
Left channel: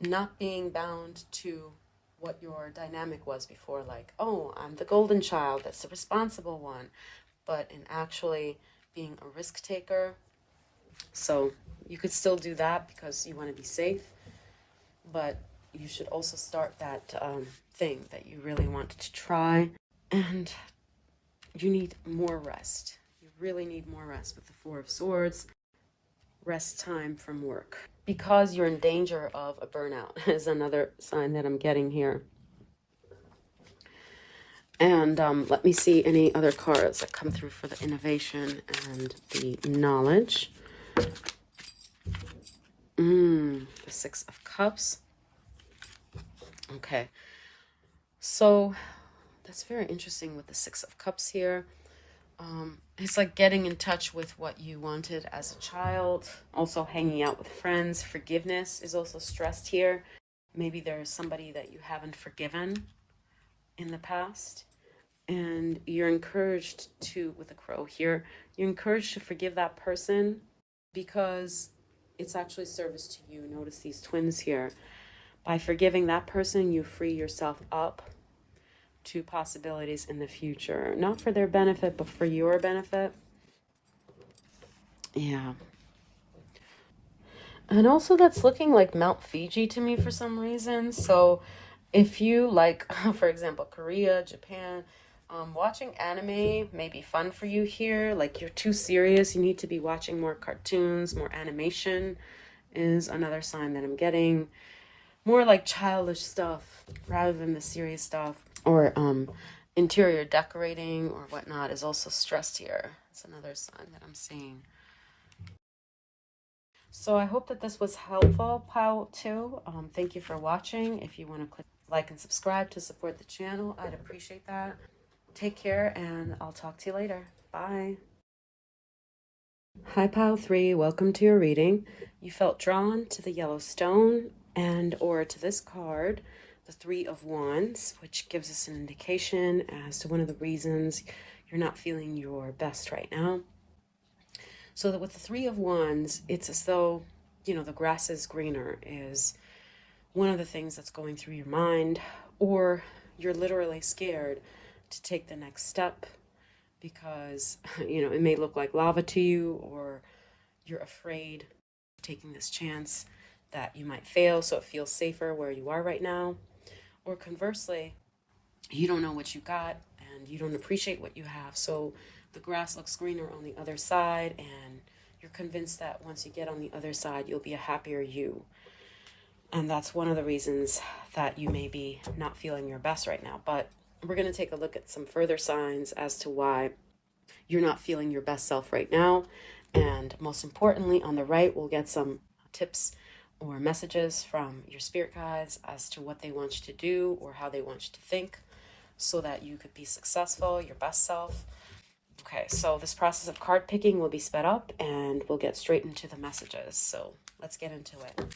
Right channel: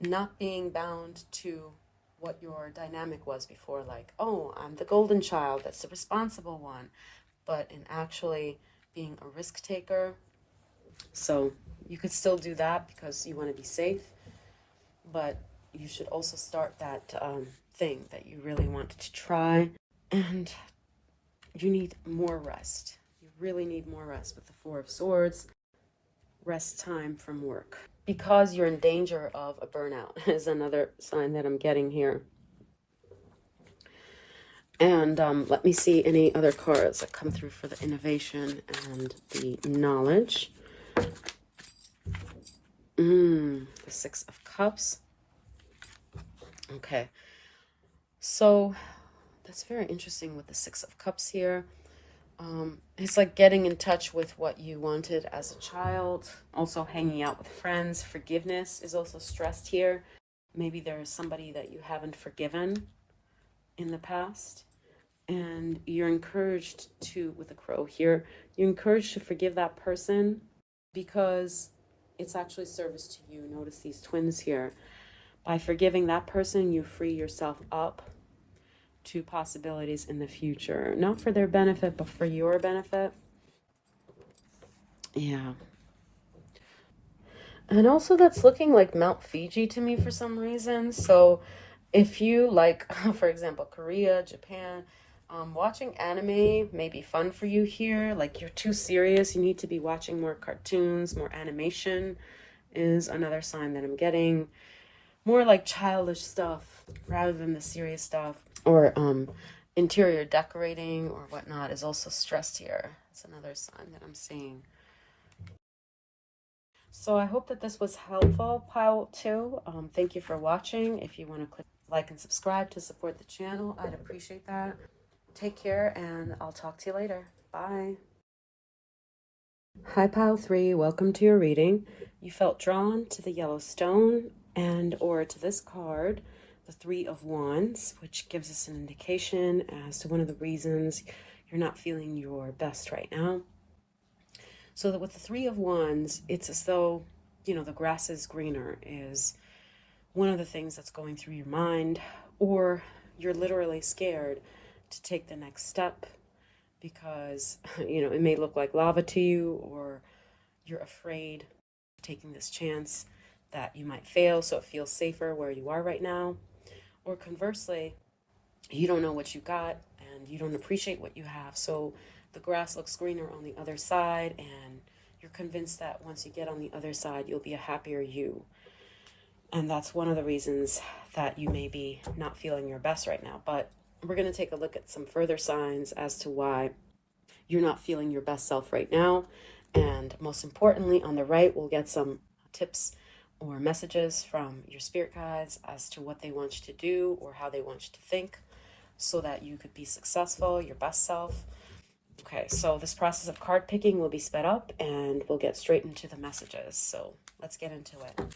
not being bound to what your dynamic was before, like, oh, I'm the golden child, that's the responsible one, but in actually being a risk taker. So you could still do that because you want to be safe, but you should also start that thing that you really wanted to try, and you need more rest. You really need more rest with the Four of Swords. Rest time from work because you're in danger of a burnout is another sign that I'm getting here. And let me see any other cards that come through for the innovation and the knowledge. The Six of Cups. Okay, so that's very interesting with the Six of Cups here. It's like getting in touch with what you wanted as a child, also hanging out with friends. Forgiveness is also stressed here. Maybe there's somebody that you haven't forgiven in the past, and you're encouraged to, with the crow here, you're encouraged to forgive that person because it's actually service to you. Notice these twins here. By forgiving that person, you free yourself up to possibilities in the future, not for their benefit, but for your benefit. Yeah. And also that's looking like Mount Fiji to me for some reason. So if you like, for example, Korea, Japan, watching anime may be fun for you here. Like you're too serious. You need to be watching more cartoons, more animation is another sign that I'm getting. More like childish stuff rather than the serious stuff. Or interior decorating or whatnot is also stressed here. It's another sign that I'm seeing. So I hope that this was helpful, Pile 2. Thank you for watching. If you want to click like and subscribe to support the channel, I'd appreciate that. Take care, and I'll talk to you later. Bye. Hi, Pile 3. Welcome to your reading. You felt drawn to the yellow stone and or to this card, the Three of Wands, which gives us an indication as to one of the reasons you're not feeling your best right now. So that with the Three of Wands, it's as though, you know, the grass is greener is one of the things that's going through your mind, or you're literally scared to take the next step because, you know, it may look like lava to you, or you're afraid of taking this chance that you might fail, so it feels safer where you are right now. Or conversely, you don't know what you got and you don't appreciate what you have, so the grass looks greener on the other side, and you're convinced that once you get on the other side, you'll be a happier you. And that's one of the reasons that you may be not feeling your best right now. But we're going to take a look at some further signs as to why you're not feeling your best self right now. And most importantly, on the right, we'll get some tips or messages from your spirit guides as to what they want you to do or how they want you to think so that you could be successful, your best self. Okay, so this process of card picking will be sped up and we'll get straight into the messages. So let's get into it.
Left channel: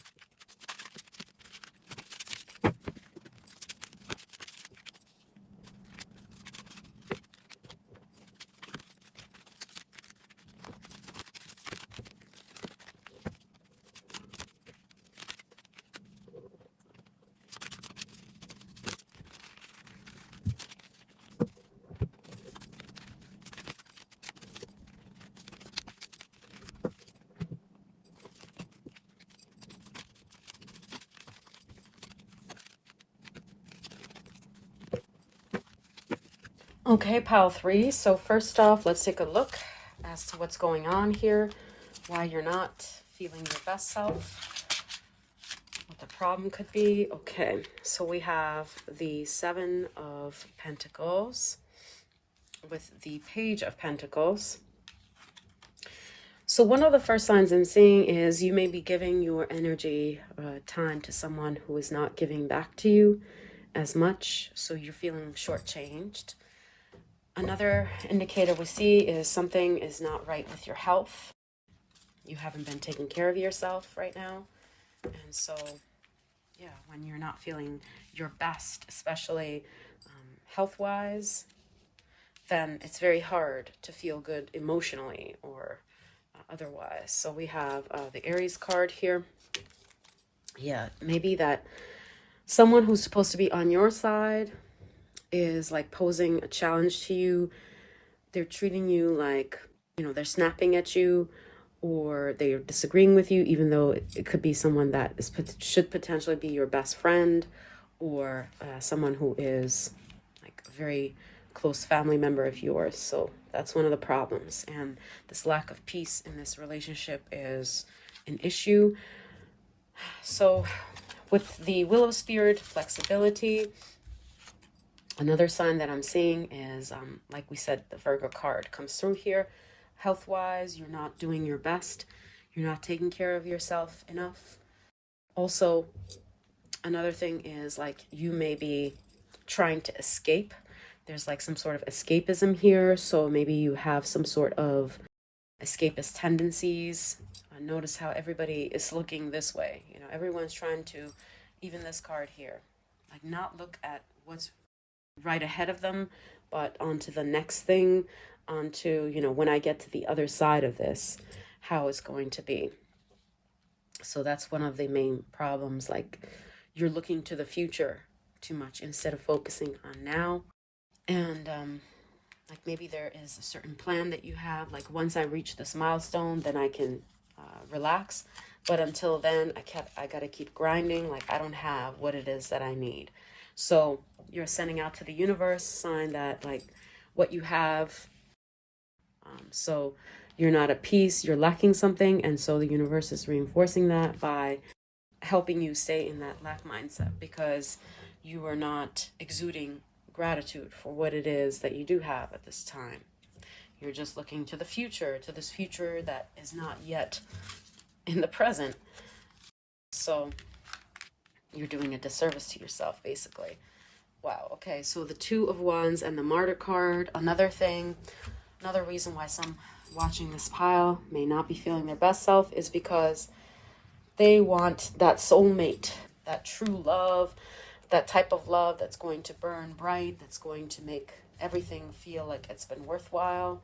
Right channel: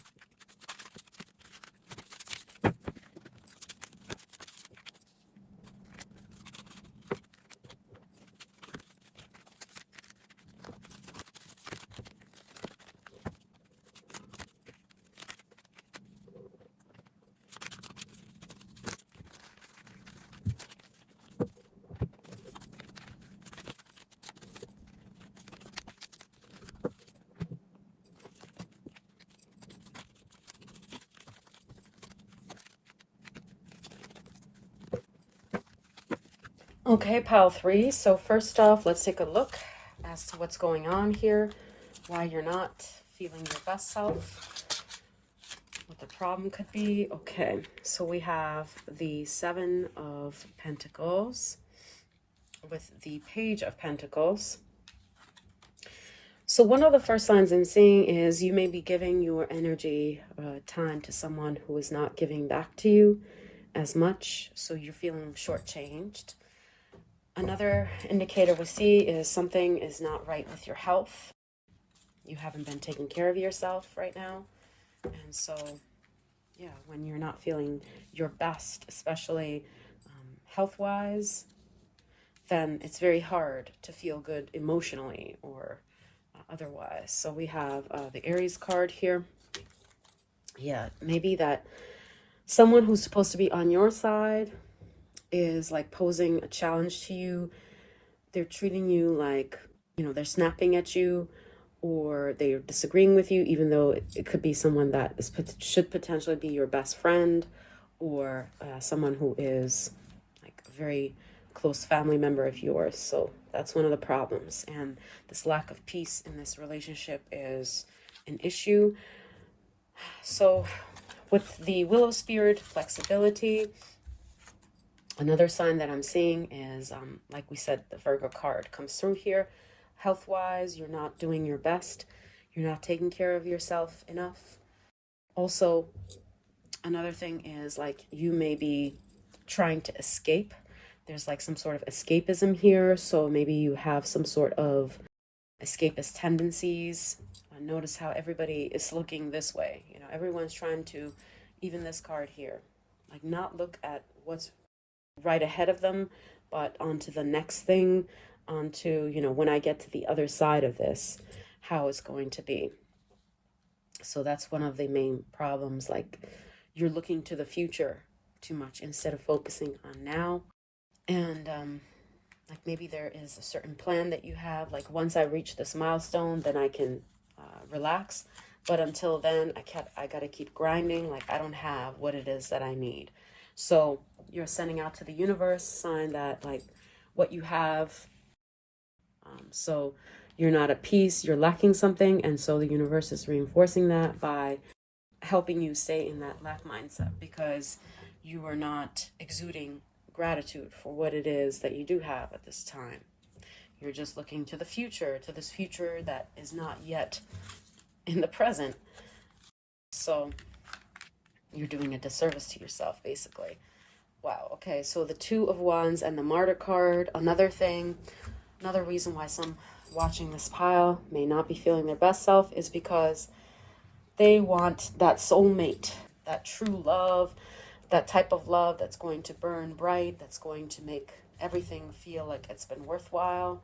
Okay, Pile 3. So first off, let's take a look as to what's going on here, why you're not feeling your best self, what the problem could be. Okay, so we have the Seven of Pentacles with the Page of Pentacles. So one of the first signs I'm seeing is you may be giving your energy time to someone who is not giving back to you as much, so you're feeling shortchanged. Another indicator we see is something is not right with your health. You haven't been taking care of yourself right now. And so, yeah, when you're not feeling your best, especially health-wise, then it's very hard to feel good emotionally or otherwise. So we have the Aries card here. Yeah, maybe that someone who's supposed to be on your side is like posing a challenge to you. They're treating you like, you know, they're snapping at you, or they're disagreeing with you, even though it could be someone that should potentially be your best friend, or someone who is like a very close family member of yours. So that's one of the problems. And this lack of peace in this relationship is an issue. So with the Willow Spirit, flexibility. Another sign that I'm seeing is, like we said, the Virgo card comes through here. Health-wise, you're not doing your best. You're not taking care of yourself enough. Also, another thing is like you may be trying to escape. There's like some sort of escapism here. So maybe you have some sort of escapist tendencies. Notice how everybody is looking this way. You know, everyone's trying to even this card here, like not look at what's right ahead of them, but onto the next thing, onto, you know, when I get to the other side of this, how it's going to be. So that's one of the main problems. Like you're looking to the future too much instead of focusing on now. And like maybe there is a certain plan that you have, like once I reach this milestone, then I can relax. But until then, I gotta keep grinding. Like I don't have what it is that I need. So you're sending out to the universe sign that like what you have. So you're not at peace, you're lacking something. And so the universe is reinforcing that by helping you stay in that lack mindset, because you are not exuding gratitude for what it is that you do have at this time. You're just looking to the future, to this future that is not yet in the present. So you're doing a disservice to yourself, basically. Wow. Okay. So the Two of Wands and the Martyr card. Another reason why some watching this pile may not be feeling their best self is because they want that soulmate, that true love, that type of love that's going to burn bright, that's going to make everything feel like it's been worthwhile.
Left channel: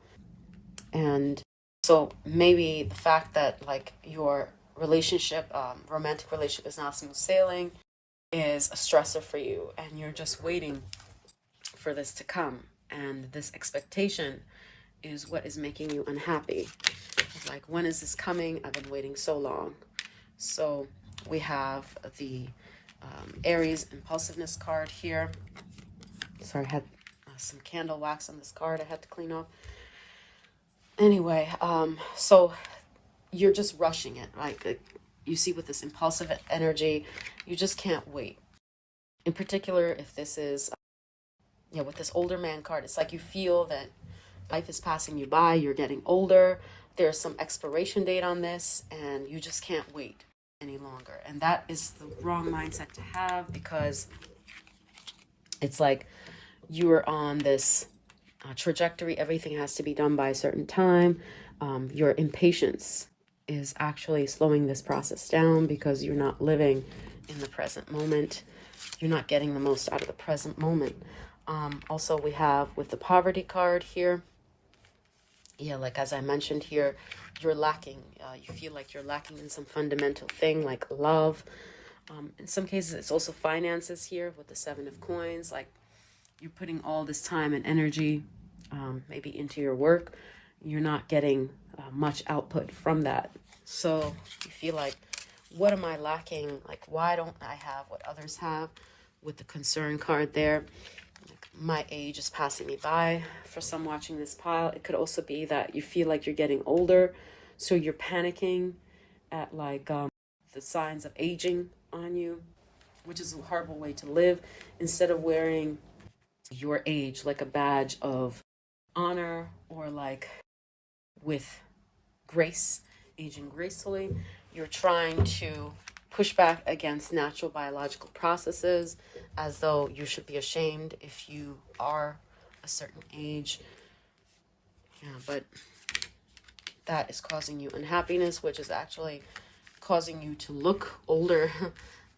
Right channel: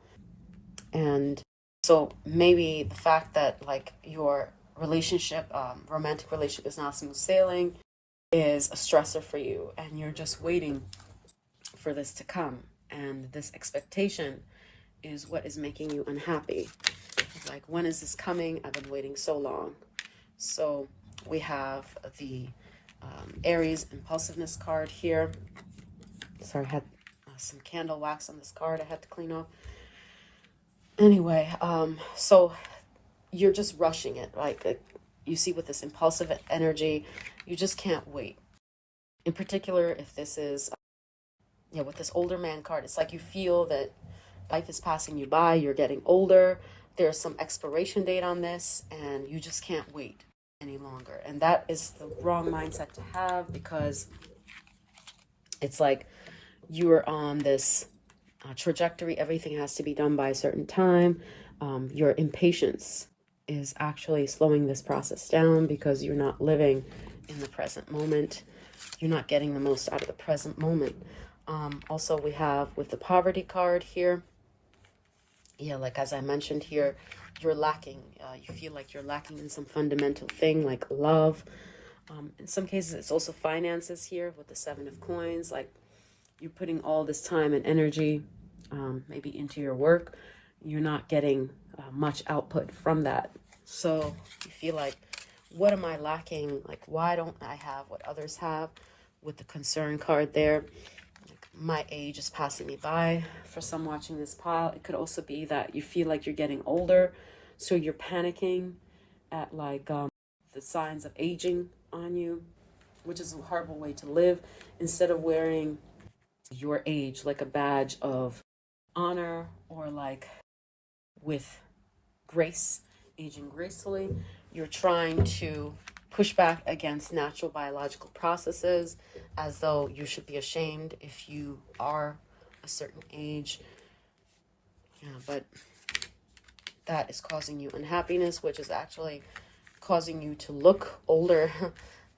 And so maybe the fact that like your relationship, romantic relationship is not smooth sailing is a stressor for you, and you're just waiting for this to come. And this expectation is what is making you unhappy. It's like, when is this coming? I've been waiting so long. So we have the Aries impulsiveness card here. Sorry, I had some candle wax on this card I had to clean off. Anyway, so you're just rushing it. Like you see with this impulsive energy, you just can't wait. In particular, if this is, with this older man card, it's like you feel that life is passing you by, you're getting older, there's some expiration date on this, and you just can't wait any longer. And that is the wrong mindset to have, because it's like you are on this trajectory. Everything has to be done by a certain time. Your impatience is actually slowing this process down, because you're not living in the present moment. You're not getting the most out of the present moment. Also, we have with the poverty card here, like as I mentioned here, you're lacking. You feel like you're lacking in some fundamental thing like love. In some cases, it's also finances here with the Seven of Coins. Like you're putting all this time and energy maybe into your work. You're not getting much output from that. So you feel like, what am I lacking? Like, why don't I have what others have? With the concern card there, like, my age is passing me by. For some watching this pile, it could also be that you feel like you're getting older, so you're panicking at like the signs of aging on you, which is a horrible way to live. Instead of wearing your age like a badge of honor, or like with grace, aging gracefully, you're trying to push back against natural biological processes, as though you should be ashamed if you are a certain age. But that is causing you unhappiness, which is actually causing you to look older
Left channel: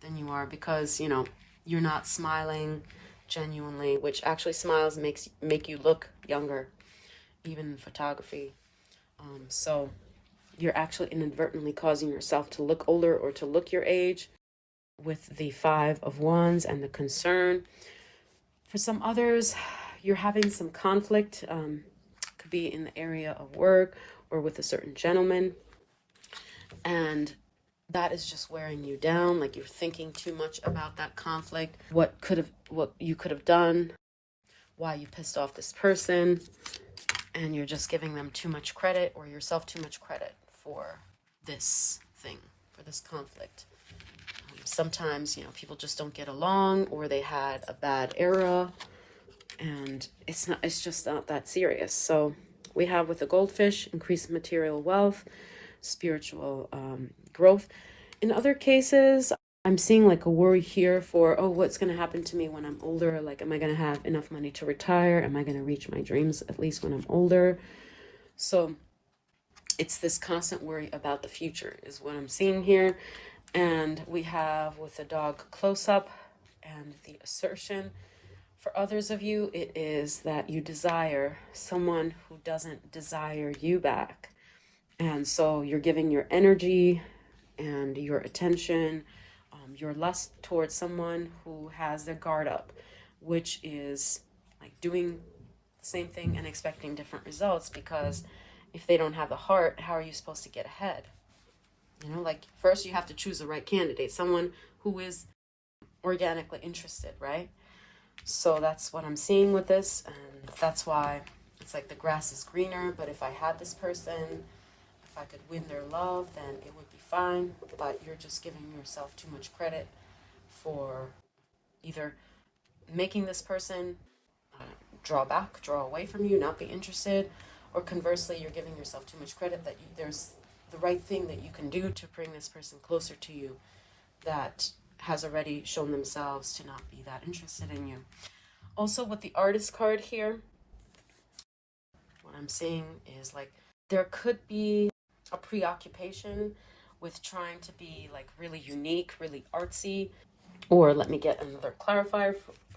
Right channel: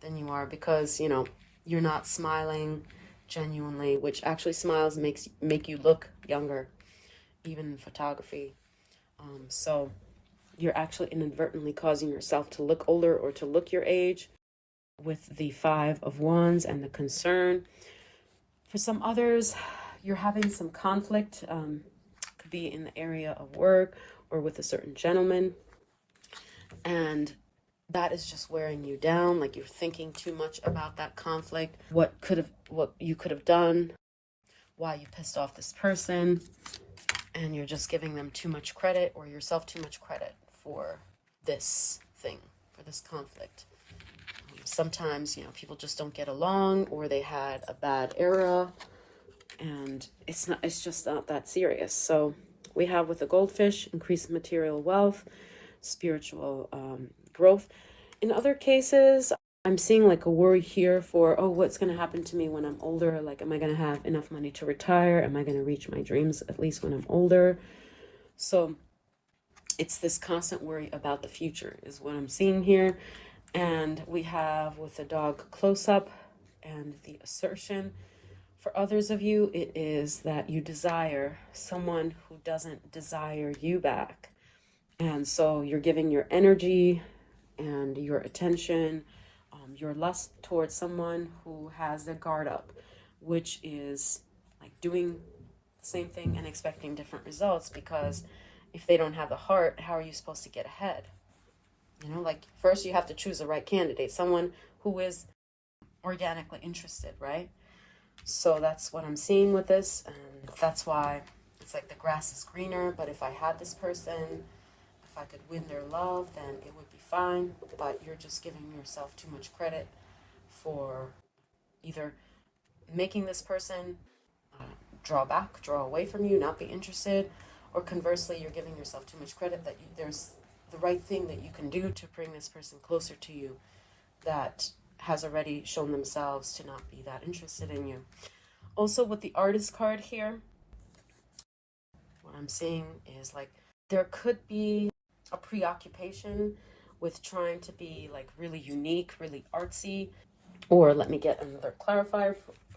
than you are, because you're not smiling genuinely, which actually smiles make you look younger, even in photography. So you're actually inadvertently causing yourself to look older, or to look your age, with the Five of Wands and the concern. For some others, you're having some conflict. Could be in the area of work or with a certain gentleman, and that is just wearing you down. Like you're thinking too much about that conflict, what you could have done, why you pissed off this person, and you're just giving them too much credit, or yourself too much credit for this thing, for this conflict. Sometimes, people just don't get along, or they had a bad era, and it's just not that serious. So we have with the goldfish, increased material wealth, spiritual growth. In other cases, I'm seeing like a worry here for, what's going to happen to me when I'm older? Like, am I going to have enough money to retire? Am I going to reach my dreams at least when I'm older? So it's this constant worry about the future is what I'm seeing here. And we have with the dog close-up and the assertion. For others of you, it is that you desire someone who doesn't desire you back. And so you're giving your energy and your attention, your lust towards someone who has their guard up, which is like doing the same thing and expecting different results, because if they don't have the heart, how are you supposed to get ahead? You know, like first you have to choose the right candidate, someone who is organically interested, right? So that's what I'm seeing with this, and that's why it's like the grass is greener. But if I had this person, if I could win their love, then it would be fine. But you're just giving yourself too much credit for either making this person draw back, draw away from you, not be interested, or conversely, you're giving yourself too much credit that there's the right thing that you can do to bring this person closer to you that has already shown themselves to not be that interested in you. Also, with the artist card here, what I'm seeing is like there could be a preoccupation with trying to be like really unique, really artsy. Or let me get another clarifier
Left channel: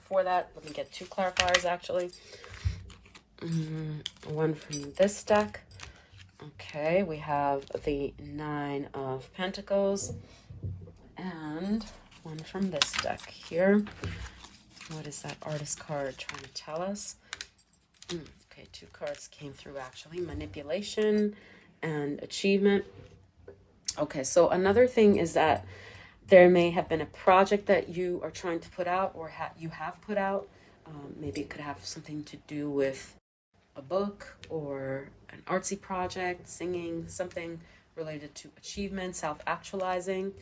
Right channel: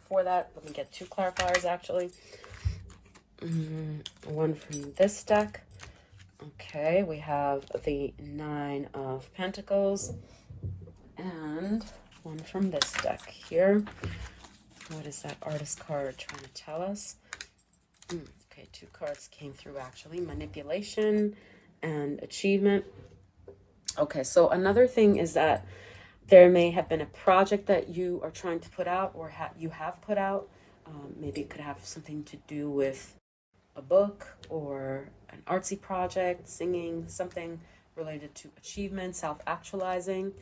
for that. Let me get two clarifiers actually. One from this deck. Okay, we have the Nine of Pentacles. And one from this deck here. What is that artist card trying to tell us? Okay, two cards came through actually. Manipulation and achievement. Okay, so another thing is that there may have been a project that you are trying to put out or you have put out. Maybe it could have something to do with a book or an artsy project, singing, something related to achievement, self-actualizing.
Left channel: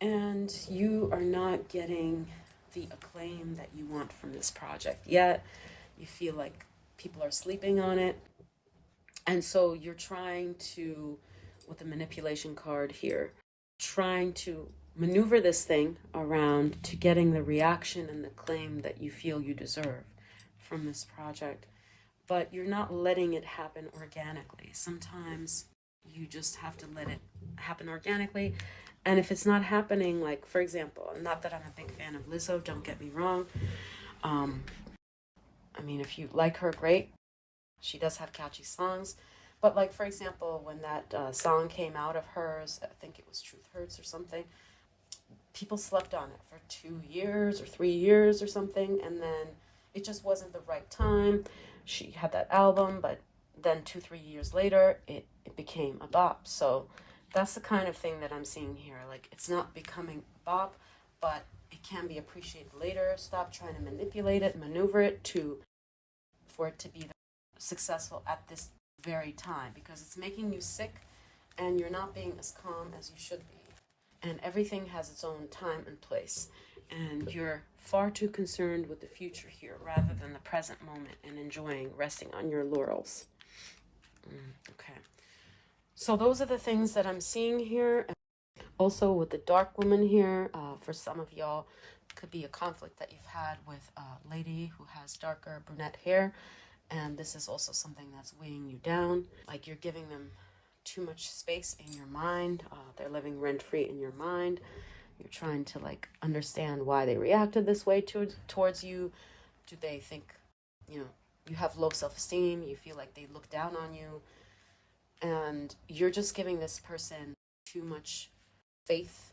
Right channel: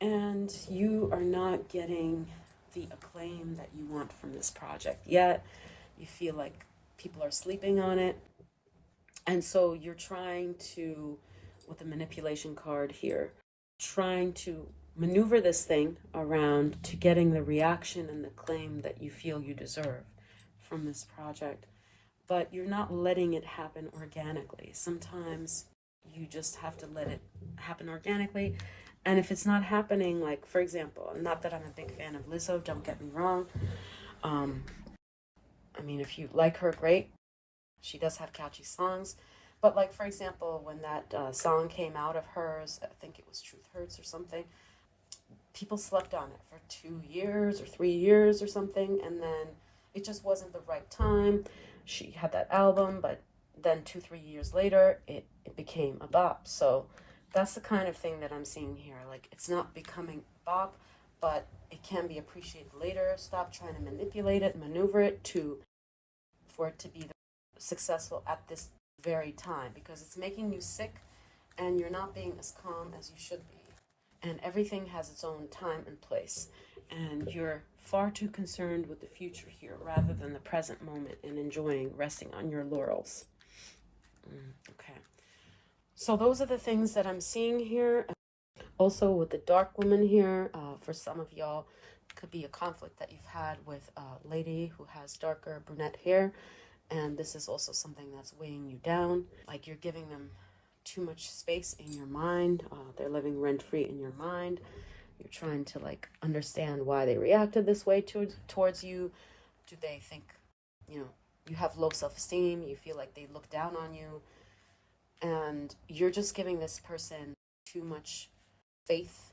And you are not getting the acclaim that you want from this project yet. You feel like people are sleeping on it. And so you're trying to, with the manipulation card here, trying to maneuver this thing around to getting the reaction and the claim that you feel you deserve from this project. But you're not letting it happen organically. Sometimes you just have to let it happen organically. And if it's not happening, like, for example, not that I'm a big fan of Lizzo, don't get me wrong. I mean, if you like her, great. She does have catchy songs. But like, for example, when that song came out of hers, I think it was Truth Hurts or something, people slept on it for 2 years or 3 years or something. And then it just wasn't the right time. She had that album, but then 2-3 years later, it became a bop. So that's the kind of thing that I'm seeing here. Like, it's not becoming a bop, but it can be appreciated later. Stop trying to manipulate it, maneuver it for it to be successful at this very time, because it's making you sick and you're not being as calm as you should be. And everything has its own time and place. And you're far too concerned with the future here rather than the present moment and enjoying resting on your laurels. Okay. So those are the things that I'm seeing here. Also with the dark woman here, for some of y'all, could be a conflict that you've had with a lady who has darker brunette hair. And this is also something that's weighing you down. Like you're giving them too much space in your mind. They're living rent-free in your mind. You're trying to like understand why they reacted this way towards you. Do they think, you have low self-esteem? You feel like they look down on you. And you're just giving this person too much faith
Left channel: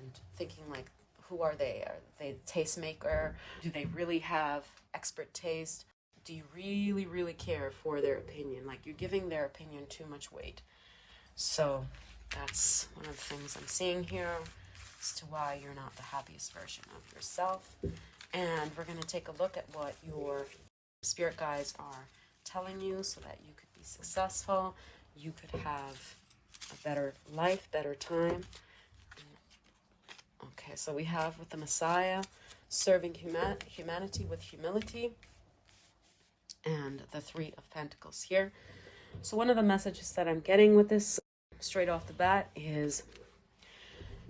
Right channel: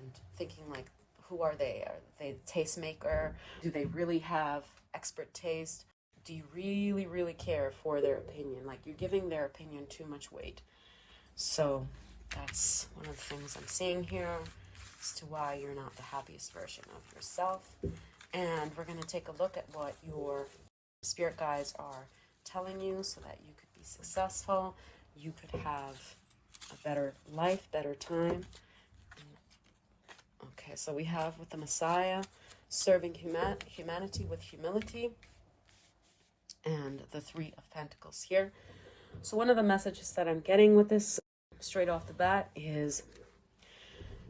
and thinking like, who are they? Are they a tastemaker? Do they really have expert taste? Do you really, really care for their opinion? Like you're giving their opinion too much weight. So that's one of the things I'm seeing here as to why you're not the happiest version of yourself. And we're going to take a look at what your spirit guides are telling you so that you could be successful. You could have a better life, better time. Okay, so we have with the Messiah, serving humanity with humility, and the Three of Pentacles here. So one of the messages that I'm getting with this straight off the bat is,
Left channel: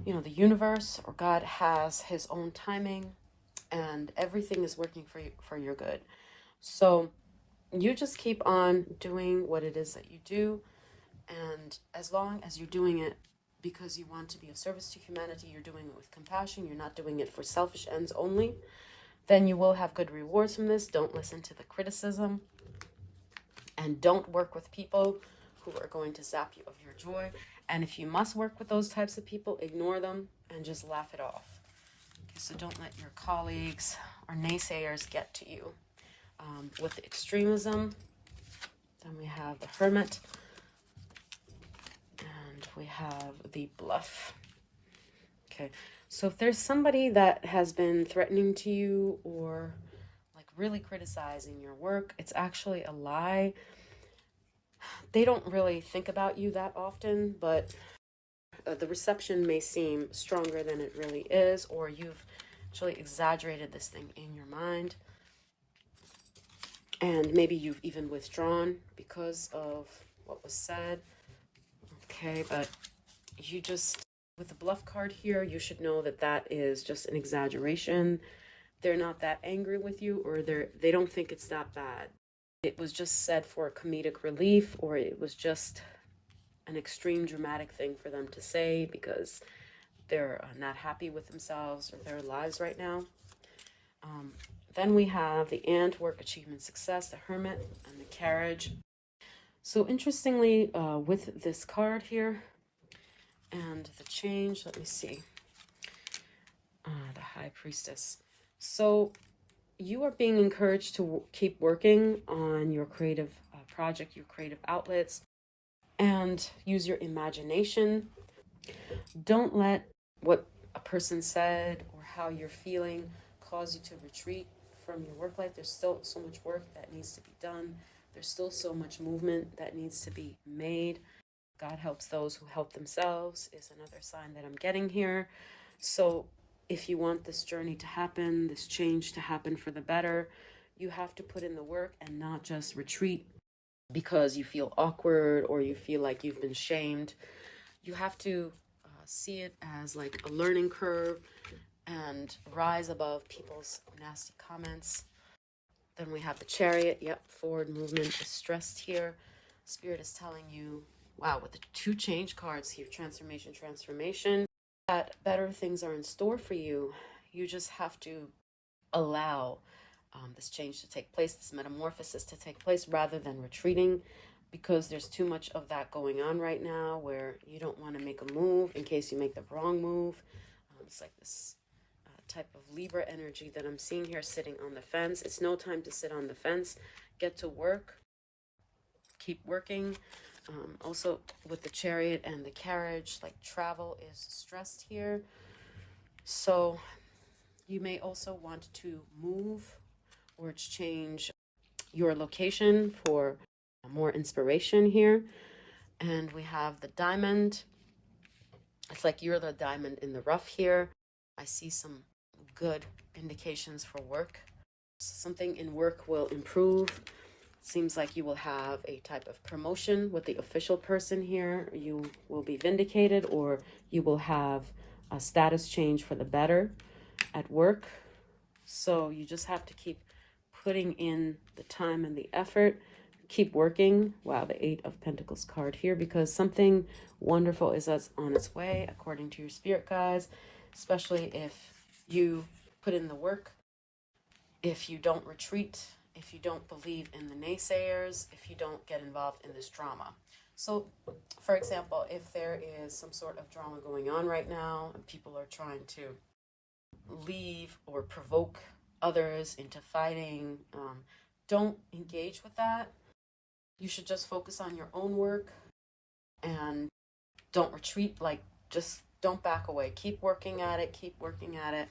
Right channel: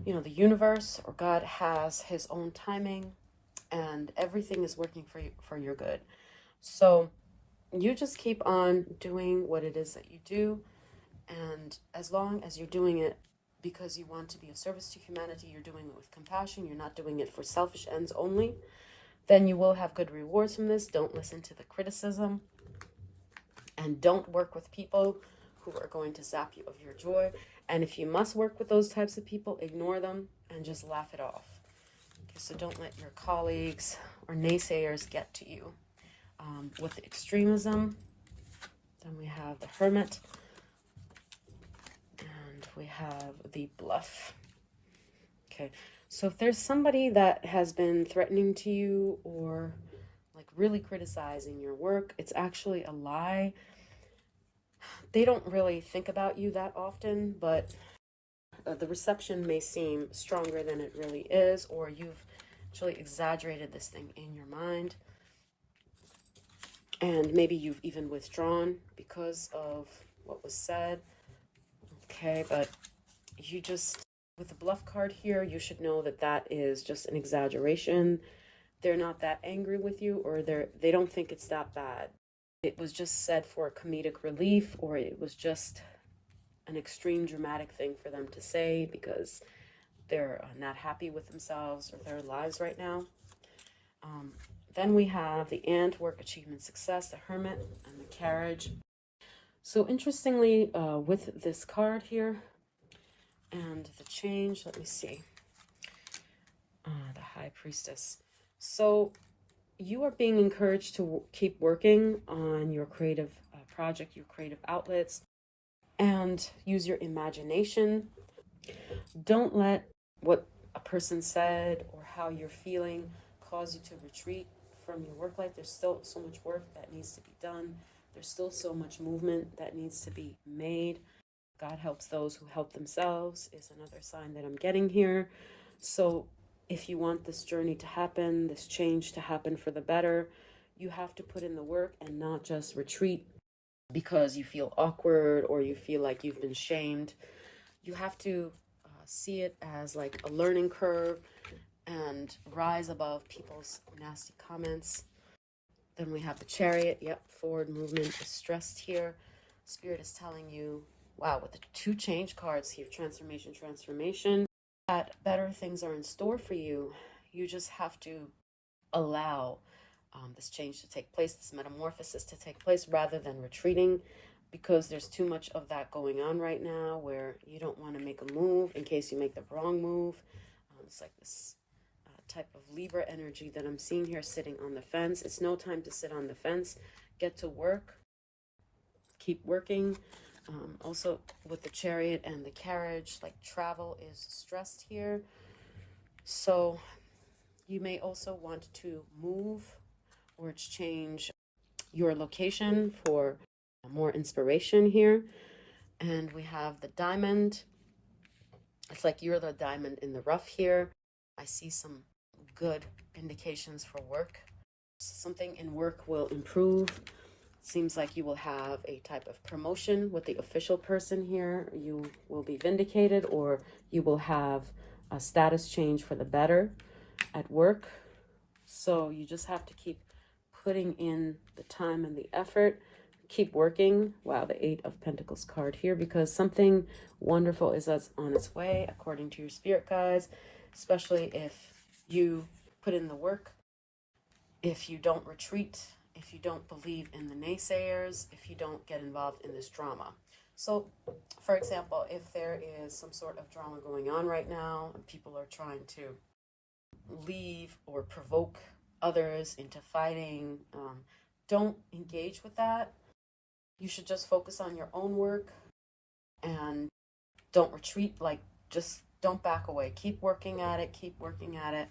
the universe or God has his own timing and everything is working for your good. So you just keep on doing what it is that you do. And as long as you're doing it because you want to be of service to humanity, you're doing it with compassion, you're not doing it for selfish ends only, then you will have good rewards from this. Don't listen to the criticism, and don't work with people who are going to zap you of your joy. And if you must work with those types of people, ignore them and just laugh it off. Okay, so don't let your colleagues or naysayers get to you. With extremism, then we have the Hermit, and we have the Bluff. Okay, so if there's somebody that has been threatening to you or like really criticizing your work, it's actually a lie. They don't really think about you that often, but the reception may seem stronger than it really is, or you've actually exaggerated this thing in your mind. And maybe you've even withdrawn because of what was said. Okay, but you just, with the Bluff card here, you should know that that is just an exaggeration. They're not that angry with you, or they don't think it's that bad. It was just said for comedic relief, or it was just an extreme dramatic thing for them to say because they're not happy with themselves or their lives right now. Then we have the Ant, Work, Achievement, Success, the Hermit, and the Carriage. So interestingly, with this card here and the change, let me see, the High Priestess. So you are being encouraged to keep working on your creative project, your creative outlets, and use your imagination. Don't let what a person said or how you're feeling cause you to retreat from your work life. There's still so much work that needs to be done. There's still so much movement that needs to be made. God helps those who help themselves is another sign that I'm getting here. So if you want this journey to happen, this change to happen for the better, you have to put in the work and not just retreat because you feel awkward or you feel like you've been shamed. You have to see it as like a learning curve and rise above people's nasty comments. Then we have the Chariot. Yep, forward movement is stressed here. Spirit is telling you, wow, with the 2 change cards here, transformation, that better things are in store for you. You just have to allow this change to take place, this metamorphosis to take place, rather than retreating, because there's too much of that going on right now where you don't want to make a move in case you make the wrong move. It's like this type of Libra energy that I'm seeing here, sitting on the fence. It's no time to sit on the fence. Get to work. Keep working. Also with the Chariot and the Carriage, like travel is stressed here. So you may also want to move or change your location for more inspiration here. And we have the Diamond. It's like you're the diamond in the rough here. I see some good indications for work. Something in work will improve. Seems like you will have a type of promotion with the official person here. You will be vindicated, or you will have a status change for the better at work. So you just have to keep putting in the time and the effort. Keep working. Wow, the 8 of Pentacles card here, because something wonderful is on its way according to your spirit guides, especially if you put in the work, if you don't retreat, if you don't believe in the naysayers, if you don't get involved in this drama. So, for example, if there is some sort of drama going on right now and people are trying to leave or provoke others into fighting, don't engage with that. You should just focus on your own work and don't retreat. Like, just don't back away. Keep working at it. Keep working at it.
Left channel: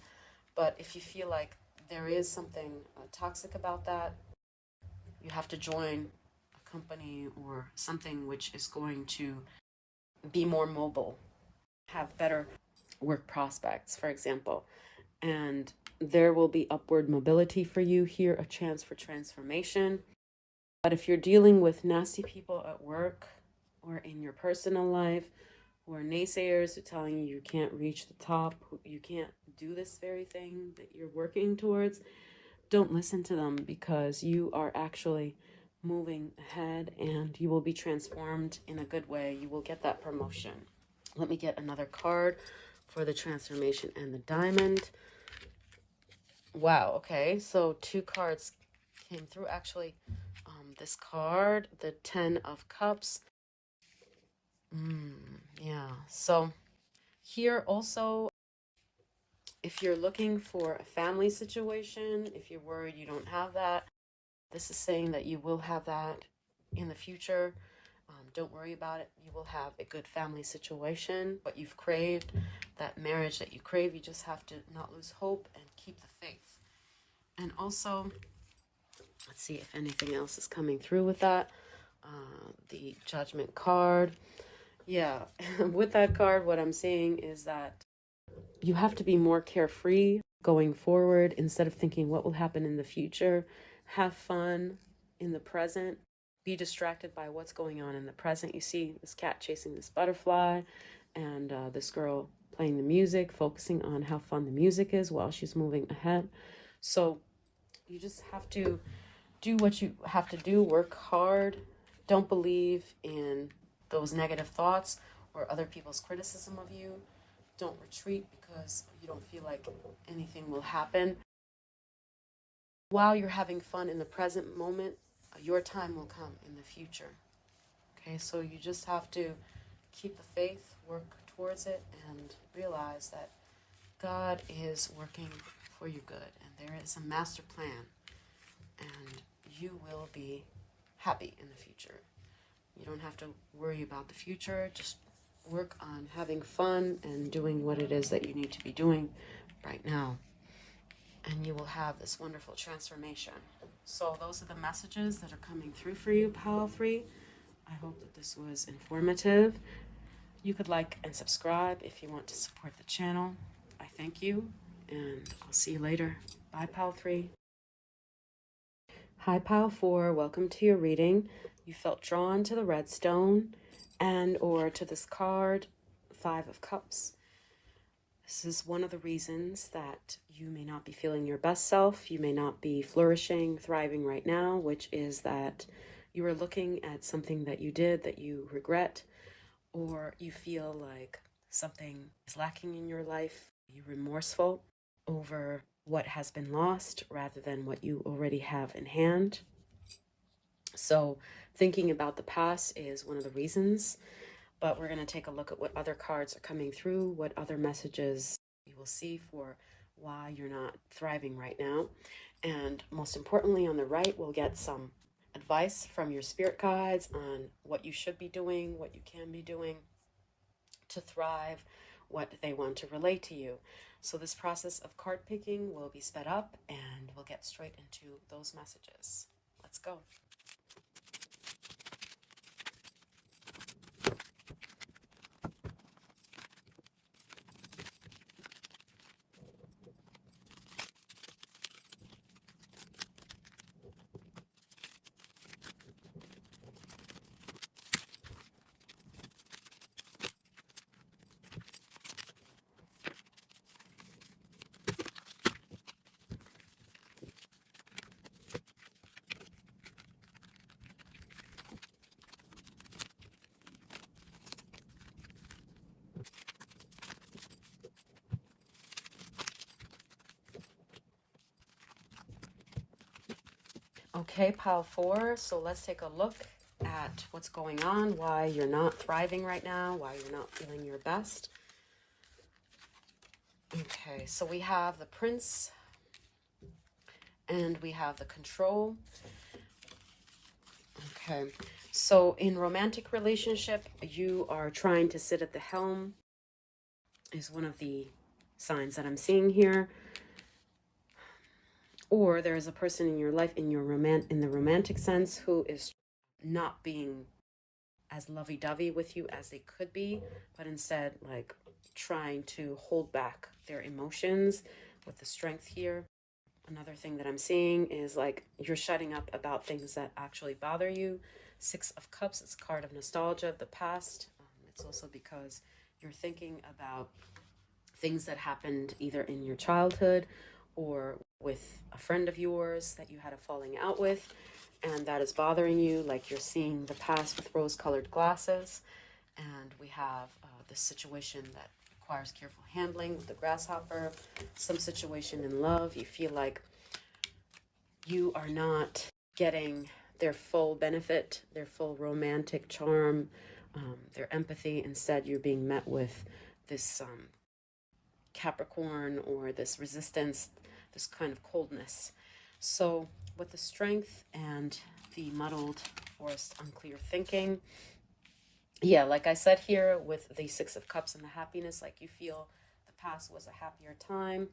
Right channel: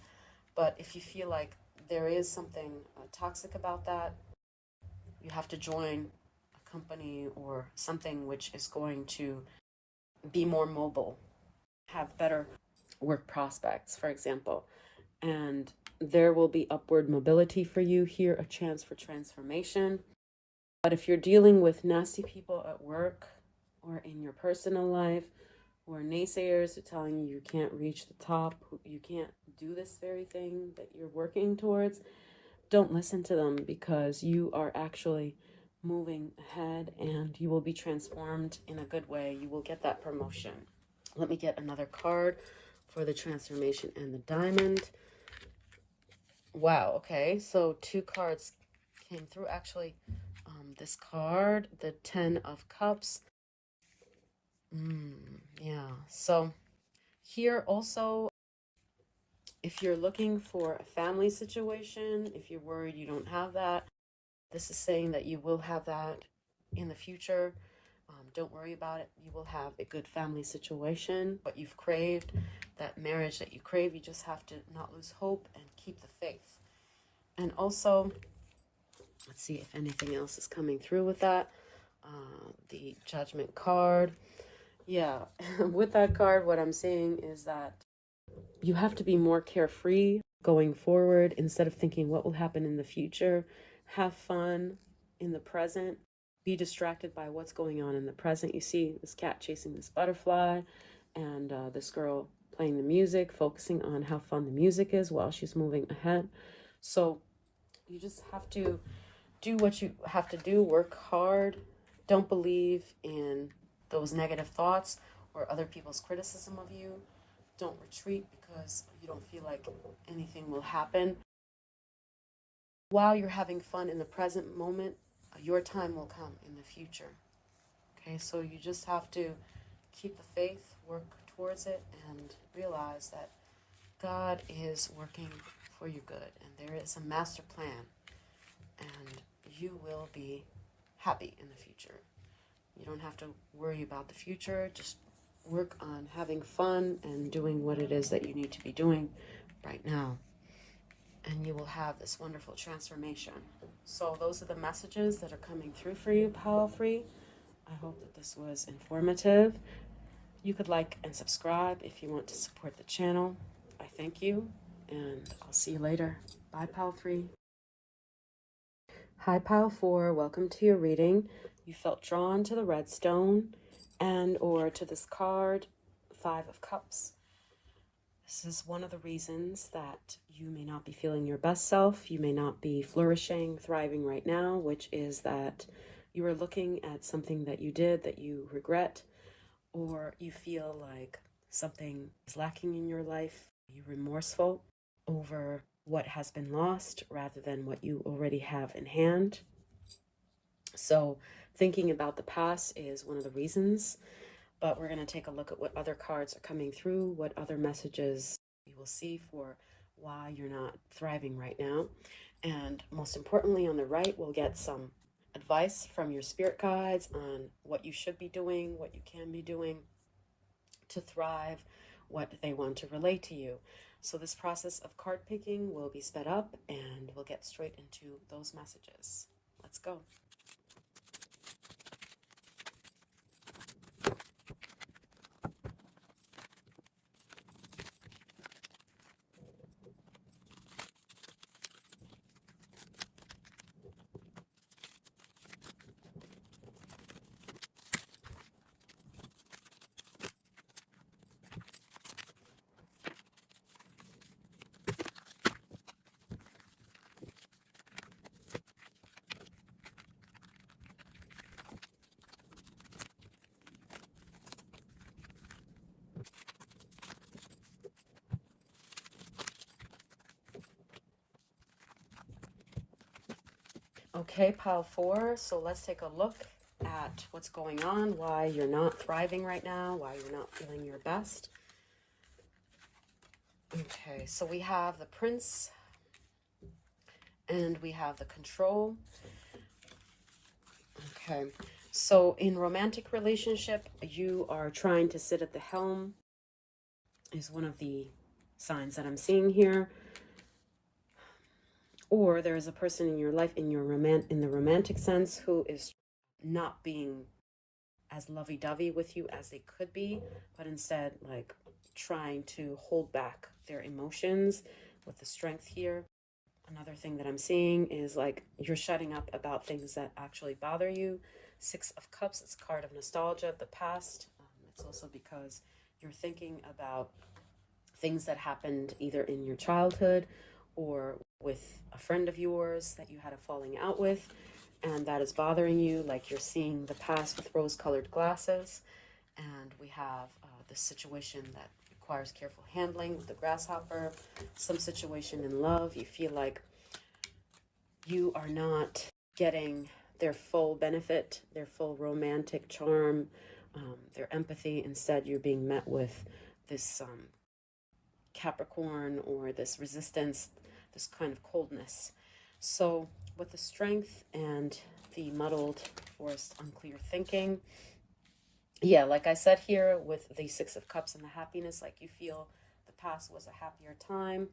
But if you feel like there is something toxic about that, you have to join a company or something which is going to be more mobile, have better work prospects, for example. And there will be upward mobility for you here, a chance for transformation. But if you're dealing with nasty people at work or in your personal life, who are naysayers who are telling you you can't reach the top, you can't do this very thing that you're working towards, don't listen to them, because you are actually moving ahead and you will be transformed in a good way. You will get that promotion. Let me get another card for the transformation and the diamond. Wow, okay, so 2 cards came through. Actually, this card, the 10 of Cups. Yeah, so here also, if you're looking for a family situation, if you're worried you don't have that, this is saying that you will have that in the future. Don't worry about it. You will have a good family situation, but you've craved that marriage that you crave. You just have to not lose hope and keep the faith. And also, let's see if anything else is coming through with that. The Judgment card. Yeah, with that card, what I'm seeing is that you have to be more carefree going forward instead of thinking what will happen in the future. Have fun in the present. Be distracted by what's going on in the present. You see this cat chasing this butterfly and this girl playing the music, focusing on how fun the music is while she's moving ahead. So you just have to do what you have to do, work hard. Don't believe in those negative thoughts or other people's criticism of you. Don't retreat because you don't feel like anything will happen. While you're having fun in the present moment, your time will come in the future. Okay, so you just have to keep the faith, work towards it, and realize that God is working for your good, and there is a master plan, and you will be happy in the future. You don't have to worry about the future. Just work on having fun and doing what it is that you need to be doing right now. And you will have this wonderful transformation. So those are the messages that are coming through for you, Power Free. I hope that this was informative. You could like and subscribe if you want to support the channel. I thank you, and I'll see you later. Bye, Power Free. Hi, Pile 4. Welcome to your reading. You felt drawn to the red stone and or to this card, 5 of Cups. This is one of the reasons that you may not be feeling your best self. You may not be flourishing, thriving right now, which is that you are looking at something that you did that you regret, or you feel like something is lacking in your life. You're remorseful over what has been lost rather than what you already have in hand. So thinking about the past is one of the reasons, but we're going to take a look at what other cards are coming through, what other messages you will see for why you're not thriving right now. And most importantly, on the right, we'll get some advice from your spirit guides on what you should be doing, what you can be doing to thrive, what they want to relay to you. So this process of card picking will be sped up, and we'll get straight into those messages. Let's go. Okay, pile 4. So let's take a look at what's going on, why you're not thriving right now, why you're not feeling your best. Okay, so we have the Prince and we have the Control. Okay, so in romantic relationship, you are trying to sit at the helm is one of the signs that I'm seeing here. Or there is a person in your life in the romantic sense who is not being as lovey-dovey with you as they could be, but instead like trying to hold back their emotions with the strength here. Another thing that I'm seeing is like you're shutting up about things that actually bother you. 6 of Cups, it's a card of nostalgia of the past. It's also because you're thinking about things that happened either in your childhood or with a friend of yours that you had a falling out with, and that is bothering you, like you're seeing the past with rose-colored glasses. And we have this situation that requires careful handling with the grasshopper, some situation in love. You feel like you are not getting their full benefit, their full romantic charm, their empathy. Instead, you're being met with this Capricorn, or this resistance, this kind of coldness. So with the strength and the muddled, forced, unclear thinking, yeah, like I said here with the Six of Cups and the happiness, like you feel the past was a happier time.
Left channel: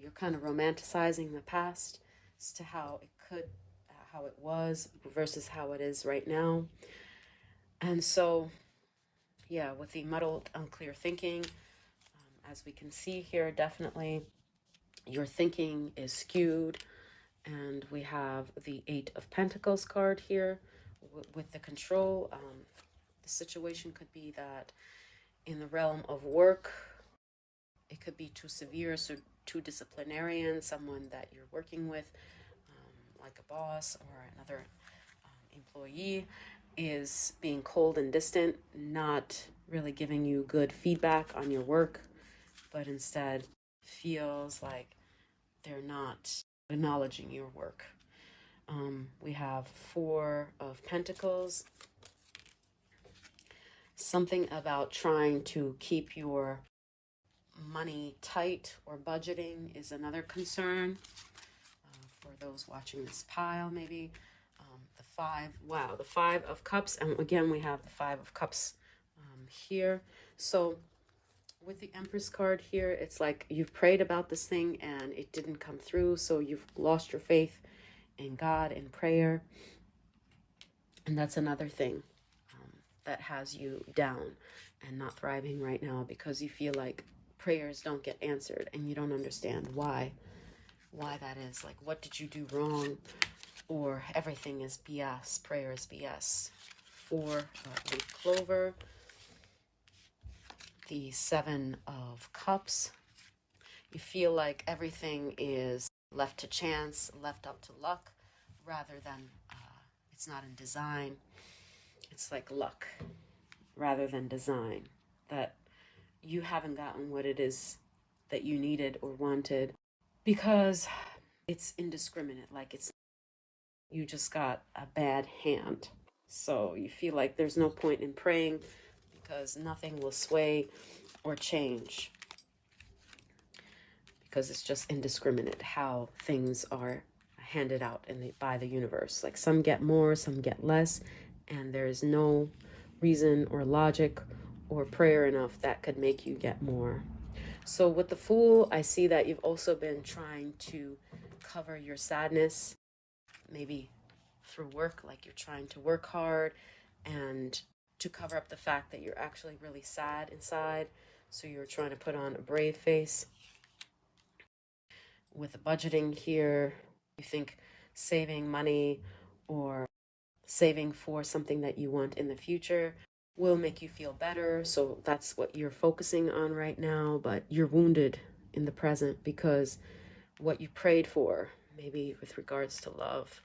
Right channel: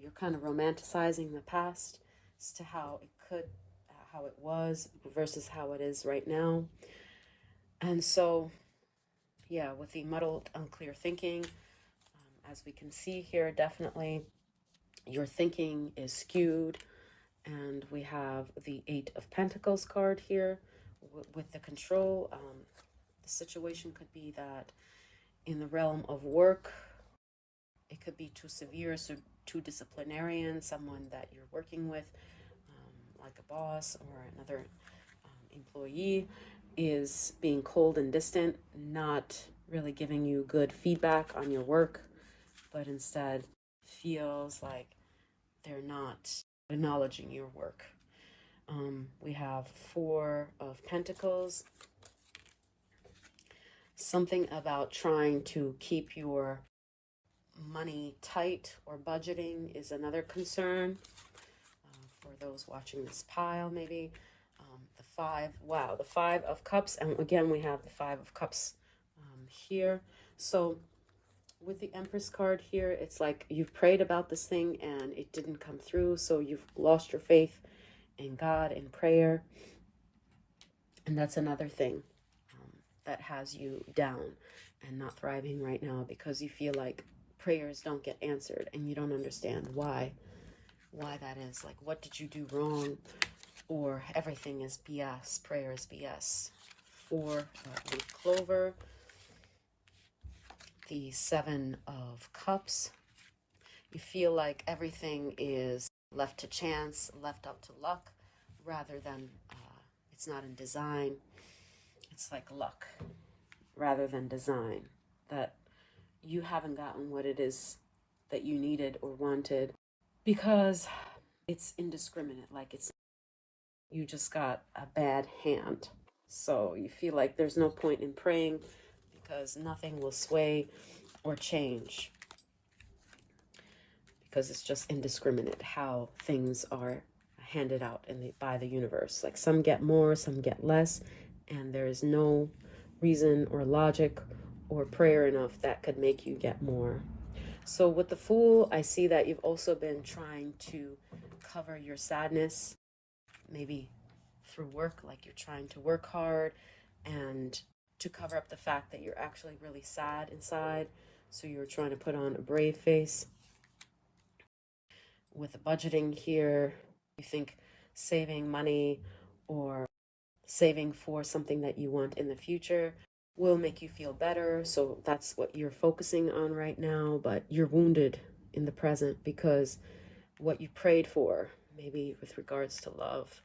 You're kind of romanticizing the past as to how it could, how it was versus how it is right now. And so, yeah, with the muddled, unclear thinking, as we can see here, definitely your thinking is skewed. And we have the Eight of Pentacles card here with the control. The situation could be that in the realm of work, it could be too severe, so too disciplinarian, someone that you're working with, like a boss or another employee, is being cold and distant, not really giving you good feedback on your work, but instead feels like they're not acknowledging your work. We have Four of Pentacles. Something about trying to keep your money tight or budgeting is another concern for those watching this pile, maybe. The Five of Cups. And again, we have the Five of Cups here. So with the Empress card here, it's like you've prayed about this thing and it didn't come through. So you've lost your faith in God and prayer. And that's another thing that has you down and not thriving right now, because you feel like prayers don't get answered and you don't understand why that is. Like, what did you do wrong? Or everything is BS, prayer is BS. For the Clover, the Seven of Cups, you feel like everything is left to chance, left up to luck, rather than it's not in design. It's like luck rather than design, that you haven't gotten what it is that you needed or wanted because it's indiscriminate. Like, it's, you just got a bad hand. So you feel like there's no point in praying because nothing will sway or change, because it's just indiscriminate how things are handed out by the universe. Like, some get more, some get less, and there is no reason or logic or prayer enough that could make you get more. So with the Fool, I see that you've also been trying to cover your sadness, maybe through work, like you're trying to work hard and to cover up the fact that you're actually really sad inside. So you're trying to put on a brave face. With the budgeting here, you think saving money or saving for something that you want in the future will make you feel better. So that's what you're focusing on right now, but you're wounded in the present because what you prayed for, maybe with regards to love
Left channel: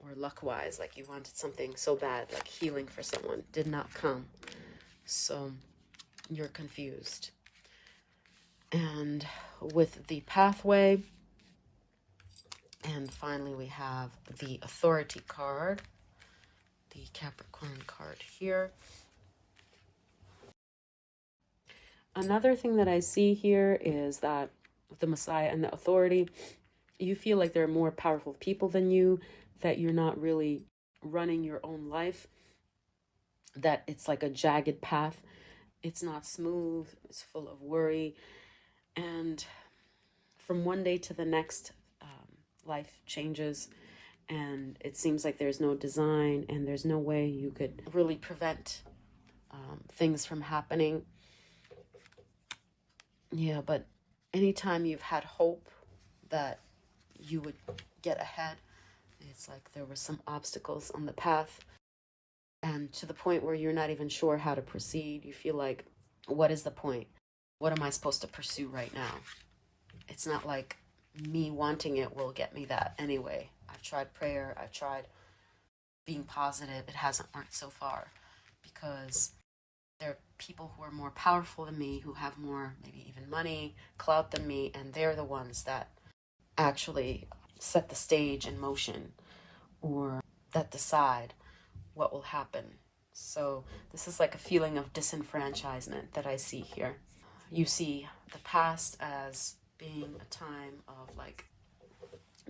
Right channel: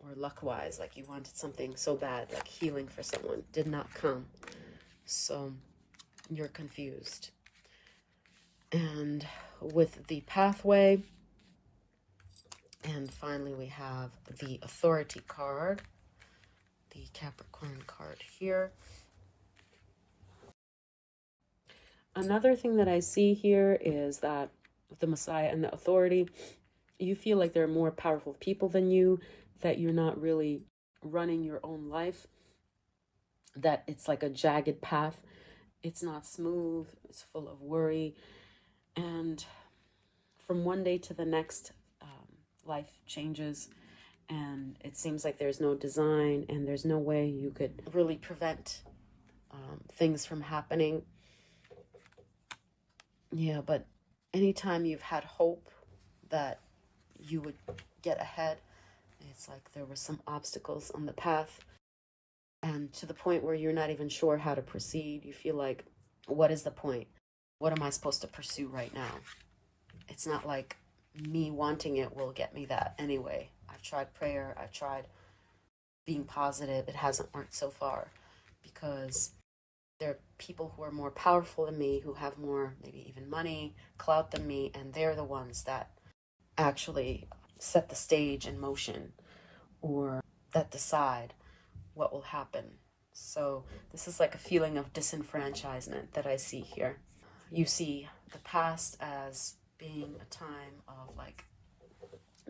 or luck-wise, like you wanted something so bad, like healing for someone, did not come. So you're confused. And with the Pathway, and finally we have the Authority card, the Capricorn card here. Another thing that I see here is that with the Messiah and the Authority, you feel like there are more powerful people than you, that you're not really running your own life, that it's like a jagged path. It's not smooth, it's full of worry. And from one day to the next, life changes, and it seems like there's no design and there's no way you could really prevent things from happening. Yeah, but anytime you've had hope that you would get ahead, it's like there were some obstacles on the path, and to the point where you're not even sure how to proceed. You feel like, what is the point? What am I supposed to pursue right now? It's not like me wanting it will get me that anyway. I've tried prayer, I've tried being positive. It hasn't worked so far because there are people who are more powerful than me, who have more, maybe even money, clout than me, and they're the ones that actually set the stage in motion or that decide what will happen. So this is like a feeling of disenfranchisement that I see here. You see the past as being a time of like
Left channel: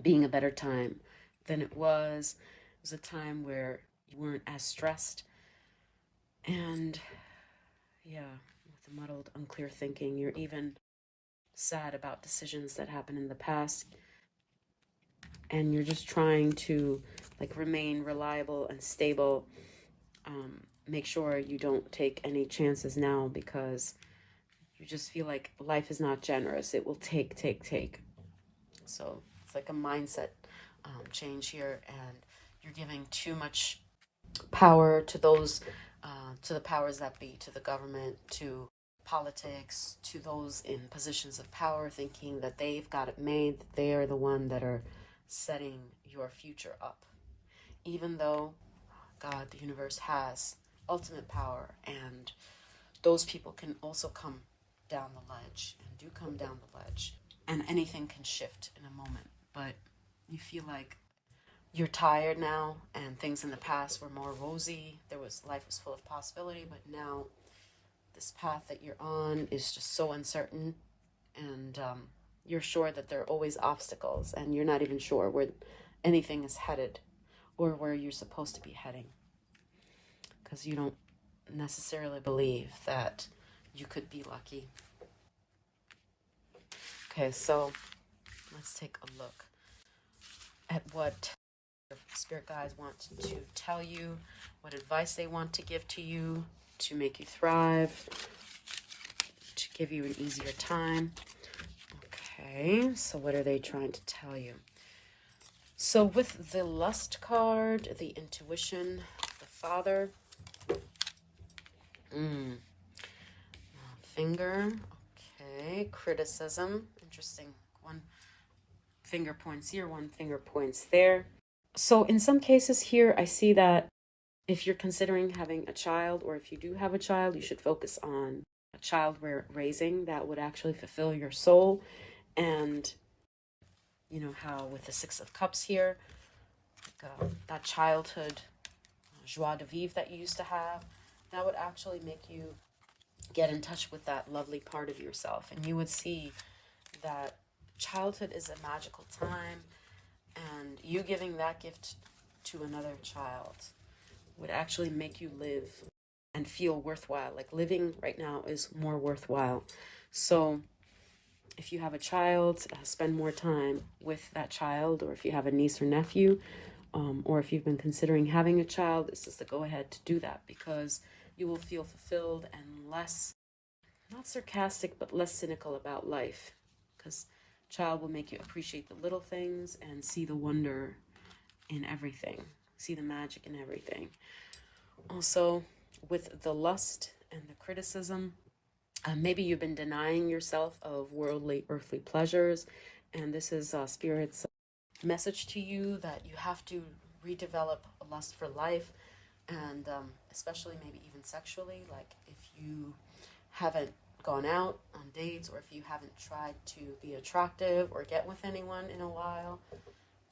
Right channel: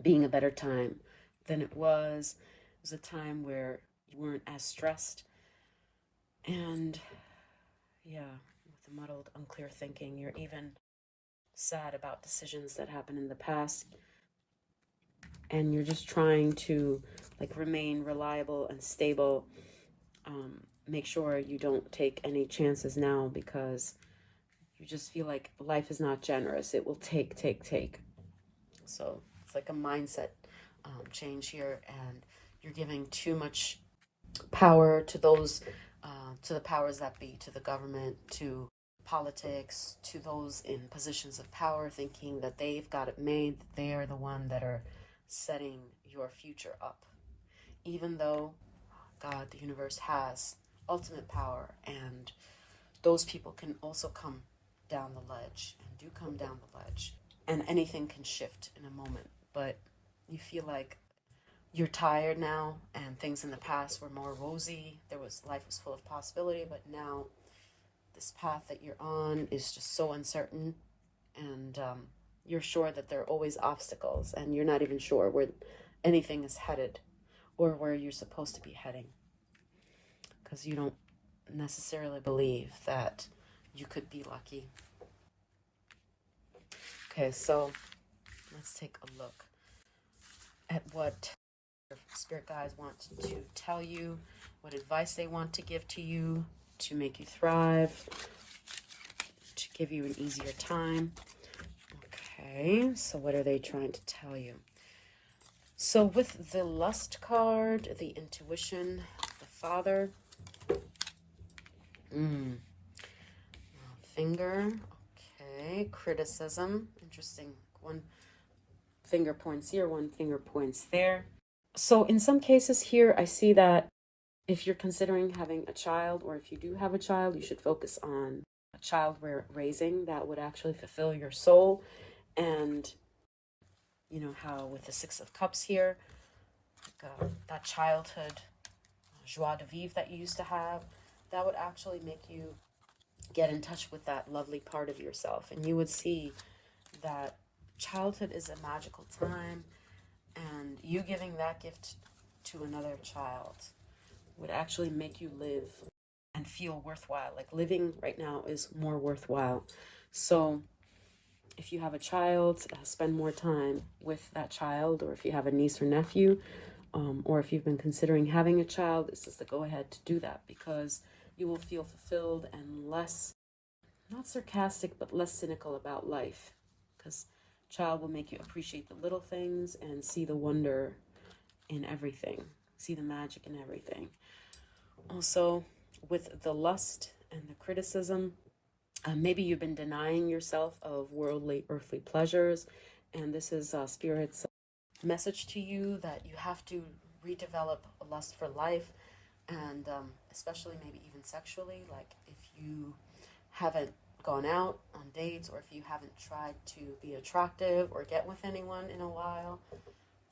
being a better time than it was. It was a time where you weren't as stressed. And yeah, with the muddled, unclear thinking, you're even sad about decisions that happened in the past. And you're just trying to like remain reliable and stable. Make sure you don't take any chances now because you just feel like life is not generous. It will take. So it's like a mindset change here, and you're giving too much power to those, to the powers that be, to the government, to politics, to those in positions of power, thinking that they've got it made, that they are the one that are setting your future up. Even though God, the universe, has ultimate power, and those people can also come down the ledge and do come down the ledge, and anything can shift in a moment. But you feel like you're tired now, and things in the past were more rosy. Life was full of possibility, but now this path that you're on is just so uncertain, and you're sure that there are always obstacles, and you're not even sure where anything is headed or where you're supposed to be heading, because you don't necessarily believe that you could be lucky. Okay, so let's take a look at what spirit guides want to tell you, what advice they want to give to you to make you thrive, to give you an easier time. Okay, so what are they trying to tell you? So with the Lust card, the Intuition, the Father, Finger, okay, Criticism, interesting. One finger points here, one finger points there. So in some cases here, I see that if you're considering having a child, or if you do have a child, you should focus on a child raising that would actually fulfill your soul. And you know how with the Six of Cups here, like, that childhood joie de vivre that you used to have, that would actually make you get in touch with that lovely part of yourself. And you would see that childhood is a magical time, and you giving that gift to another child would actually make you live and feel worthwhile. Like living right now is more worthwhile. So if you have a child, spend more time with that child, or if you have a niece or nephew, or if you've been considering having a child, this is the go ahead to do that, because you will feel fulfilled and less, not sarcastic, but less cynical about life, because child will make you appreciate the little things and see the wonder in everything, see the magic in everything. Also, with the Lust and the Criticism, maybe you've been denying yourself of worldly, earthly pleasures, and this is Spirit's message to you that you have to redevelop a lust for life, and especially maybe even sexually. Like if you haven't gone out on dates, or if you haven't tried to be attractive or get with anyone in a while,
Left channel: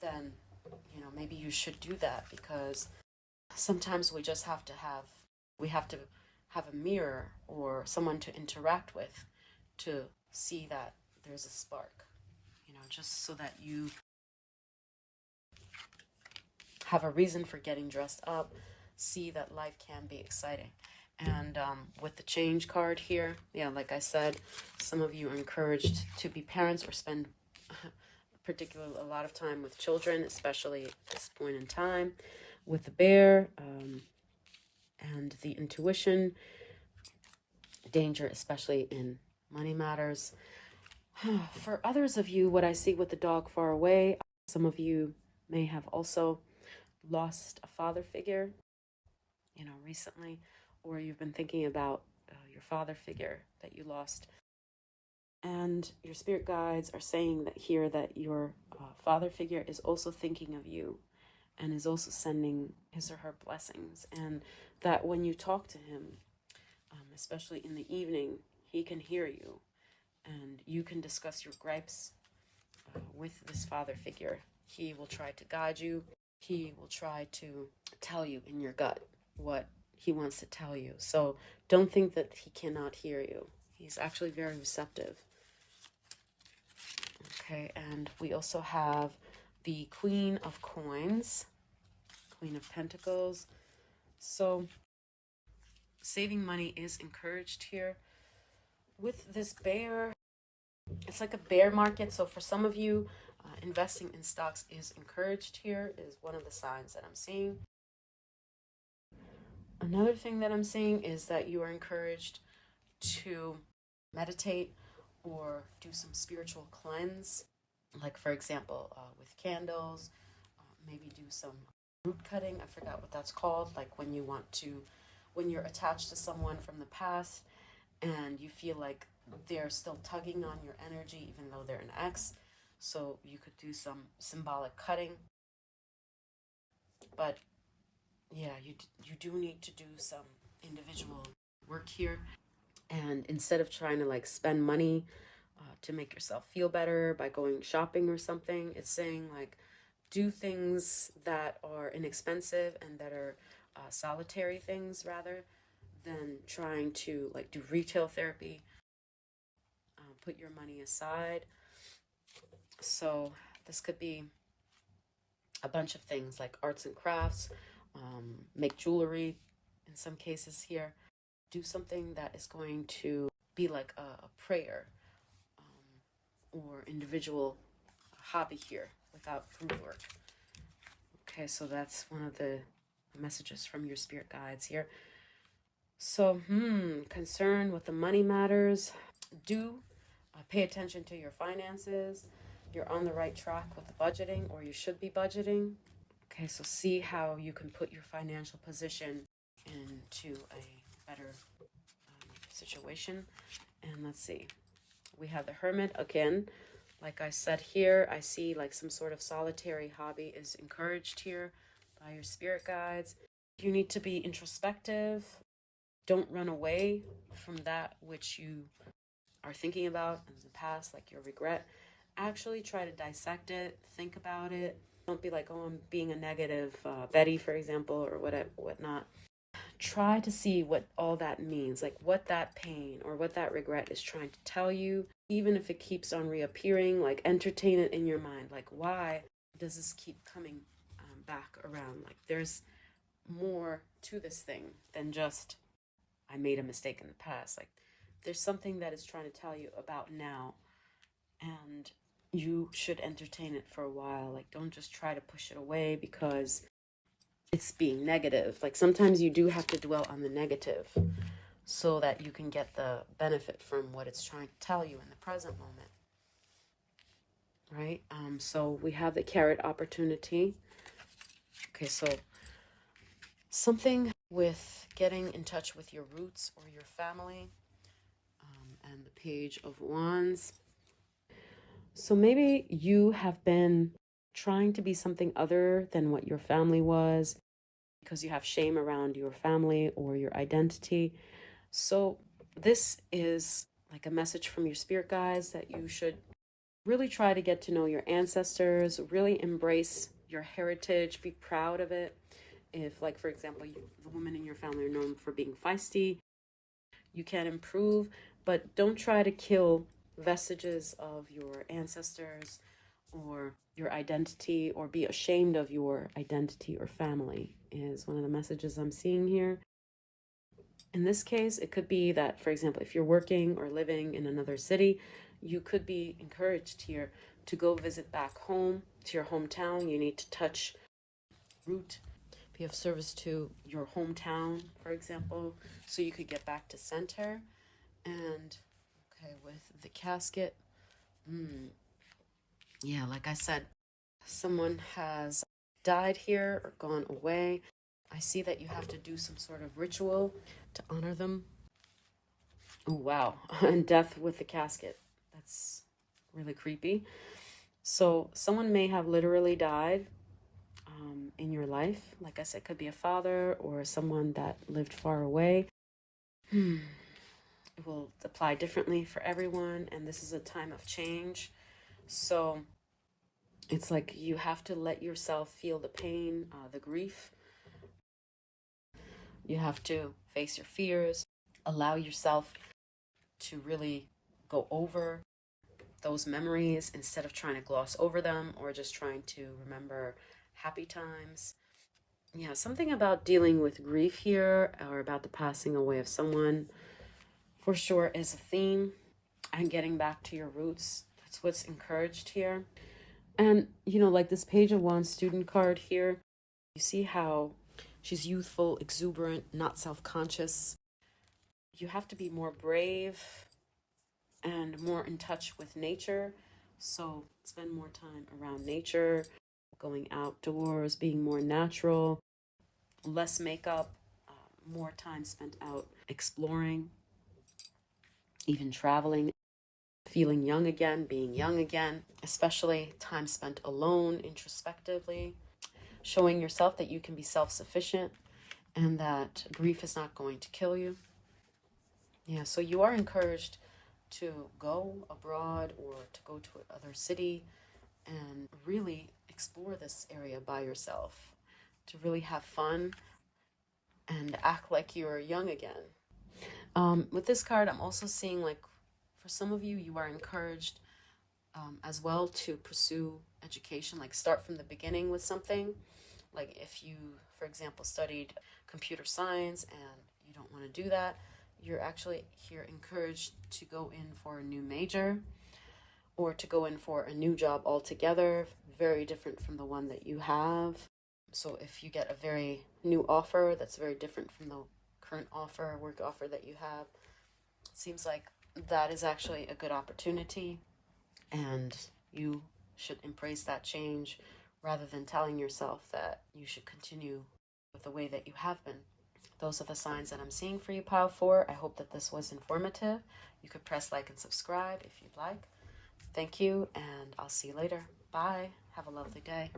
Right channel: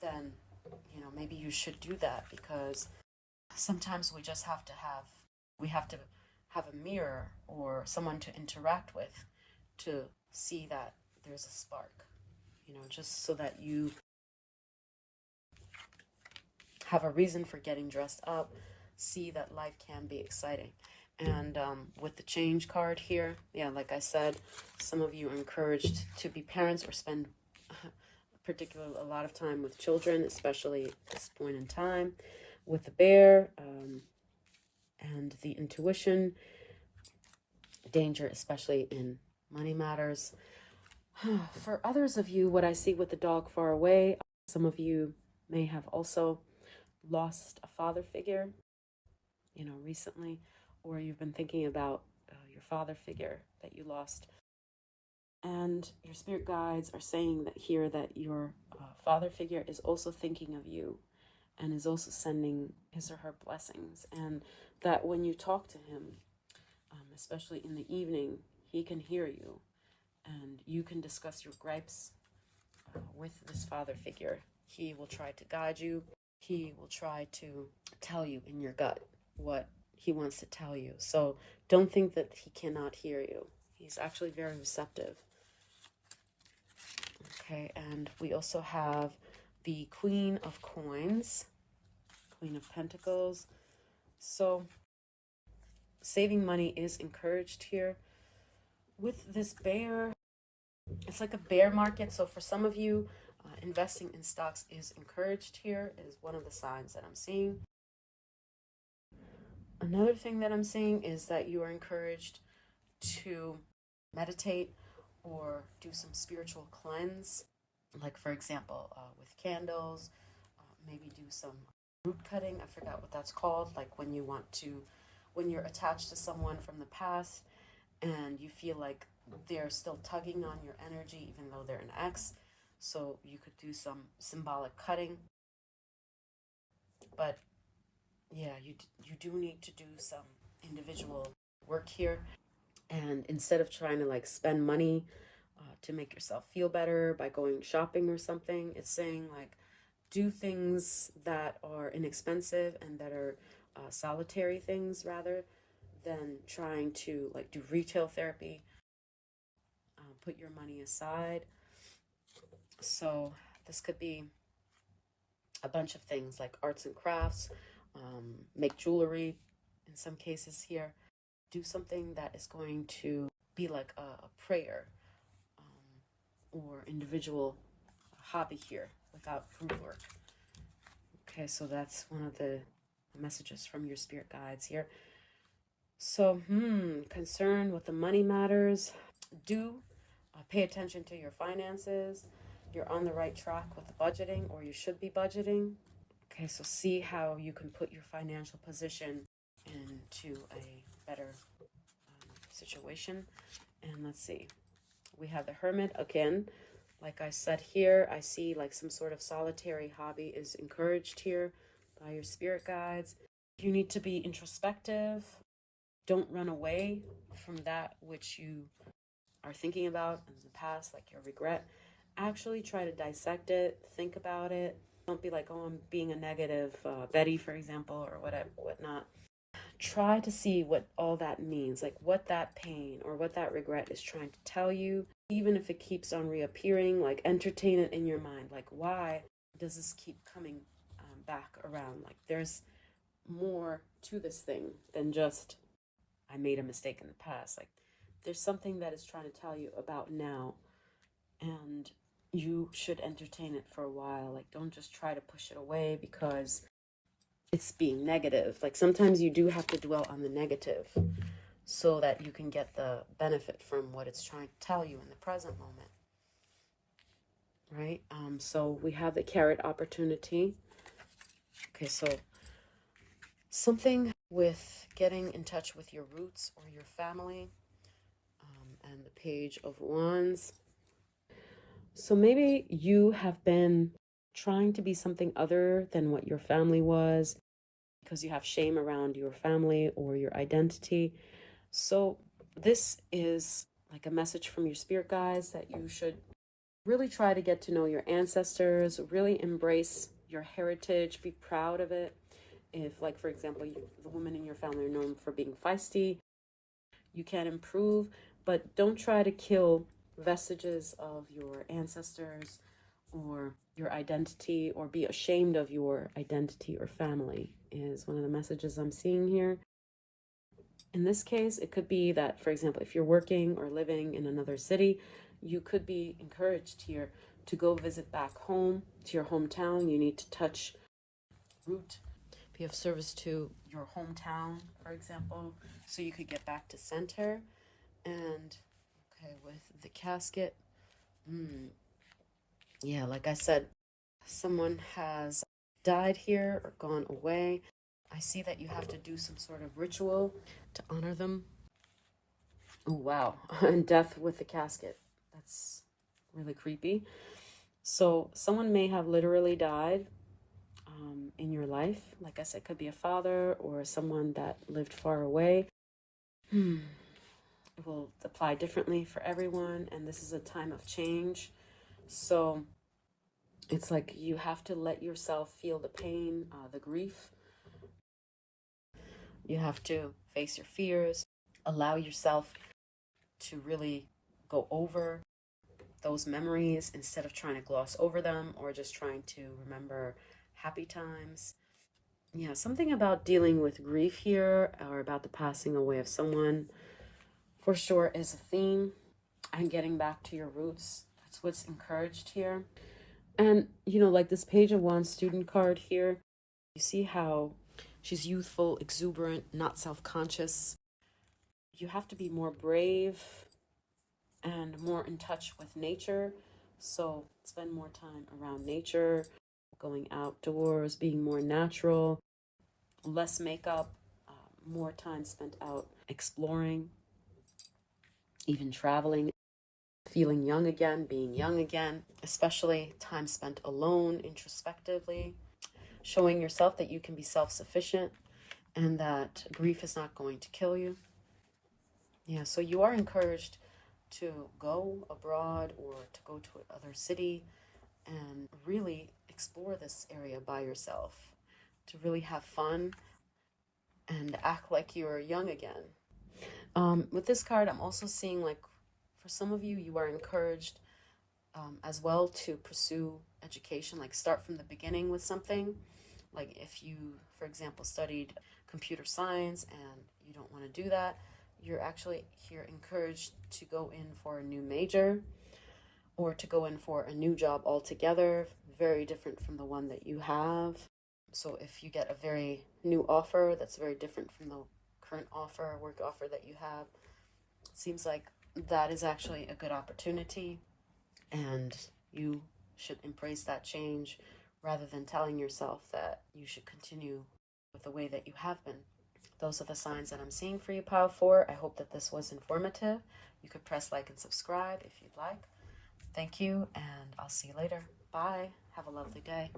then maybe you should do that, because sometimes we just have to have a mirror or someone to interact with to see that there's a spark, just so that you have a reason for getting dressed up, see that life can be exciting. And with the Change card here, yeah, like I said, some of you are encouraged to be parents or spend particularly a lot of time with children, especially at this point in time. With the Bear and the Intuition, danger, especially in money matters. For others of you, what I see with the Dog far away, some of you may have also lost a father figure, recently, or you've been thinking about your father figure that you lost. And your spirit guides are saying that here that your father figure is also thinking of you and is also sending his or her blessings. And that when you talk to him, especially in the evening, he can hear you, and you can discuss your gripes with this father figure. He will try to guide you. He will try to tell you in your gut what he wants to tell you. So don't think that he cannot hear you. He's actually very receptive. Okay, and we also have the Queen of Coins, Queen of Pentacles. So saving money is encouraged here. With this bear, it's like a bear market. So for some of you, investing in stocks is encouraged here, is one of the signs that I'm seeing. Another thing that I'm seeing is that you are encouraged to meditate or do some spiritual cleanse. Like, for example, with candles, maybe do some root cutting. I forgot what that's called. Like when you're attached to someone from the past and you feel like they're still tugging on your energy, even though they're an ex. So you could do some symbolic cutting. But yeah, you do need to do some individual work here. And instead of trying to like spend money to make yourself feel better by going shopping or something, it's saying like do things that are inexpensive and that are solitary things rather than trying to like do retail therapy. Put your money aside. So this could be a bunch of things like arts and crafts, make jewelry in some cases here. Do something that is going to be like a prayer or individual hobby here without group work. Okay, so that's one of the messages from your spirit guides here. So, concern with the money matters. Do pay attention to your finances. You're on the right track with the budgeting, or you should be budgeting. Okay, so see how you can put your financial position into a better situation. And let's see. We have the Hermit again. Like I said here, I see like some sort of solitary hobby is encouraged here by your spirit guides. You need to be introspective. Don't run away from that which you are thinking about in the past, like your regret. Actually try to dissect it, think about it. Don't be like, oh, I'm being a negative Betty, for example, or whatnot. Try to see what all that means, like what that pain or what that regret is trying to tell you. Even if it keeps on reappearing, like entertain it in your mind. Like, why does this keep coming back around? Like, there's more to this thing than just, I made a mistake in the past. Like, there's something that it's trying to tell you about now. And you should entertain it for a while. Like, don't just try to push it away because it's being negative. Like, sometimes you do have to dwell on the negative so that you can get the benefit from what it's trying to tell you in the present moment. Right? So we have the carrot opportunity. Okay, so something with getting in touch with your roots or your family. And the Page of Wands. So maybe you have been trying to be something other than what your family was because you have shame around your family or your identity. So this is like a message from your spirit guides that you should really try to get to know your ancestors, really embrace your heritage, be proud of it. If, like, for example, the women in your family are known for being feisty, you can improve, but don't try to kill vestiges of your ancestors or your identity, or be ashamed of your identity or family, is one of the messages I'm seeing here. In this case, it could be that, for example, if you're working or living in another city, you could be encouraged here to go visit back home to your hometown. You need to touch root, be of service to your hometown, for example, so you could get back to center. And okay, with the casket, yeah, like I said, someone has died here or gone away. I see that you have to do some sort of ritual to honor them. Oh, wow. And death with the casket. That's really creepy. So someone may have literally died in your life. Like I said, could be a father or someone that lived far away. It will apply differently for everyone, and this is a time of change. So it's like you have to let yourself feel the pain, the grief. You have to face your fears, allow yourself to really go over those memories instead of trying to gloss over them or just trying to remember happy times. Yeah, something about dealing with grief here or about the passing away of someone for sure is a theme. And getting back to your roots, that's what's encouraged here. And, like this Page of Wands student card here, you see how she's youthful, exuberant, not self-conscious. You have to be more brave and more in touch with nature. So spend more time around nature, going outdoors, being more natural, less makeup, more time spent out exploring, even traveling, feeling young again, being young again, especially time spent alone, introspectively, showing yourself that you can be self-sufficient and that grief is not going to kill you. Yeah, so you are encouraged to go abroad or to go to another city and really explore this area by yourself, to really have fun and act like you're young again. With this card, I'm also seeing like for some of you, you are encouraged as well to pursue education, like start from the beginning with something. Like if you, for example, studied computer science and you don't want to do that, you're actually here encouraged to go in for a new major or to go in for a new job altogether, very different from the one that you have. So if you get a very new offer that's very different from the current offer, work offer that you have, it seems like that is actually a good opportunity and you should embrace that change rather than telling yourself that you should continue with the way that you have been. Those are the signs that I'm seeing for you, Pile 4. I hope that this was informative. You could press like and subscribe if you'd like. Thank you, and I'll see you later. Bye. Have a lovely day.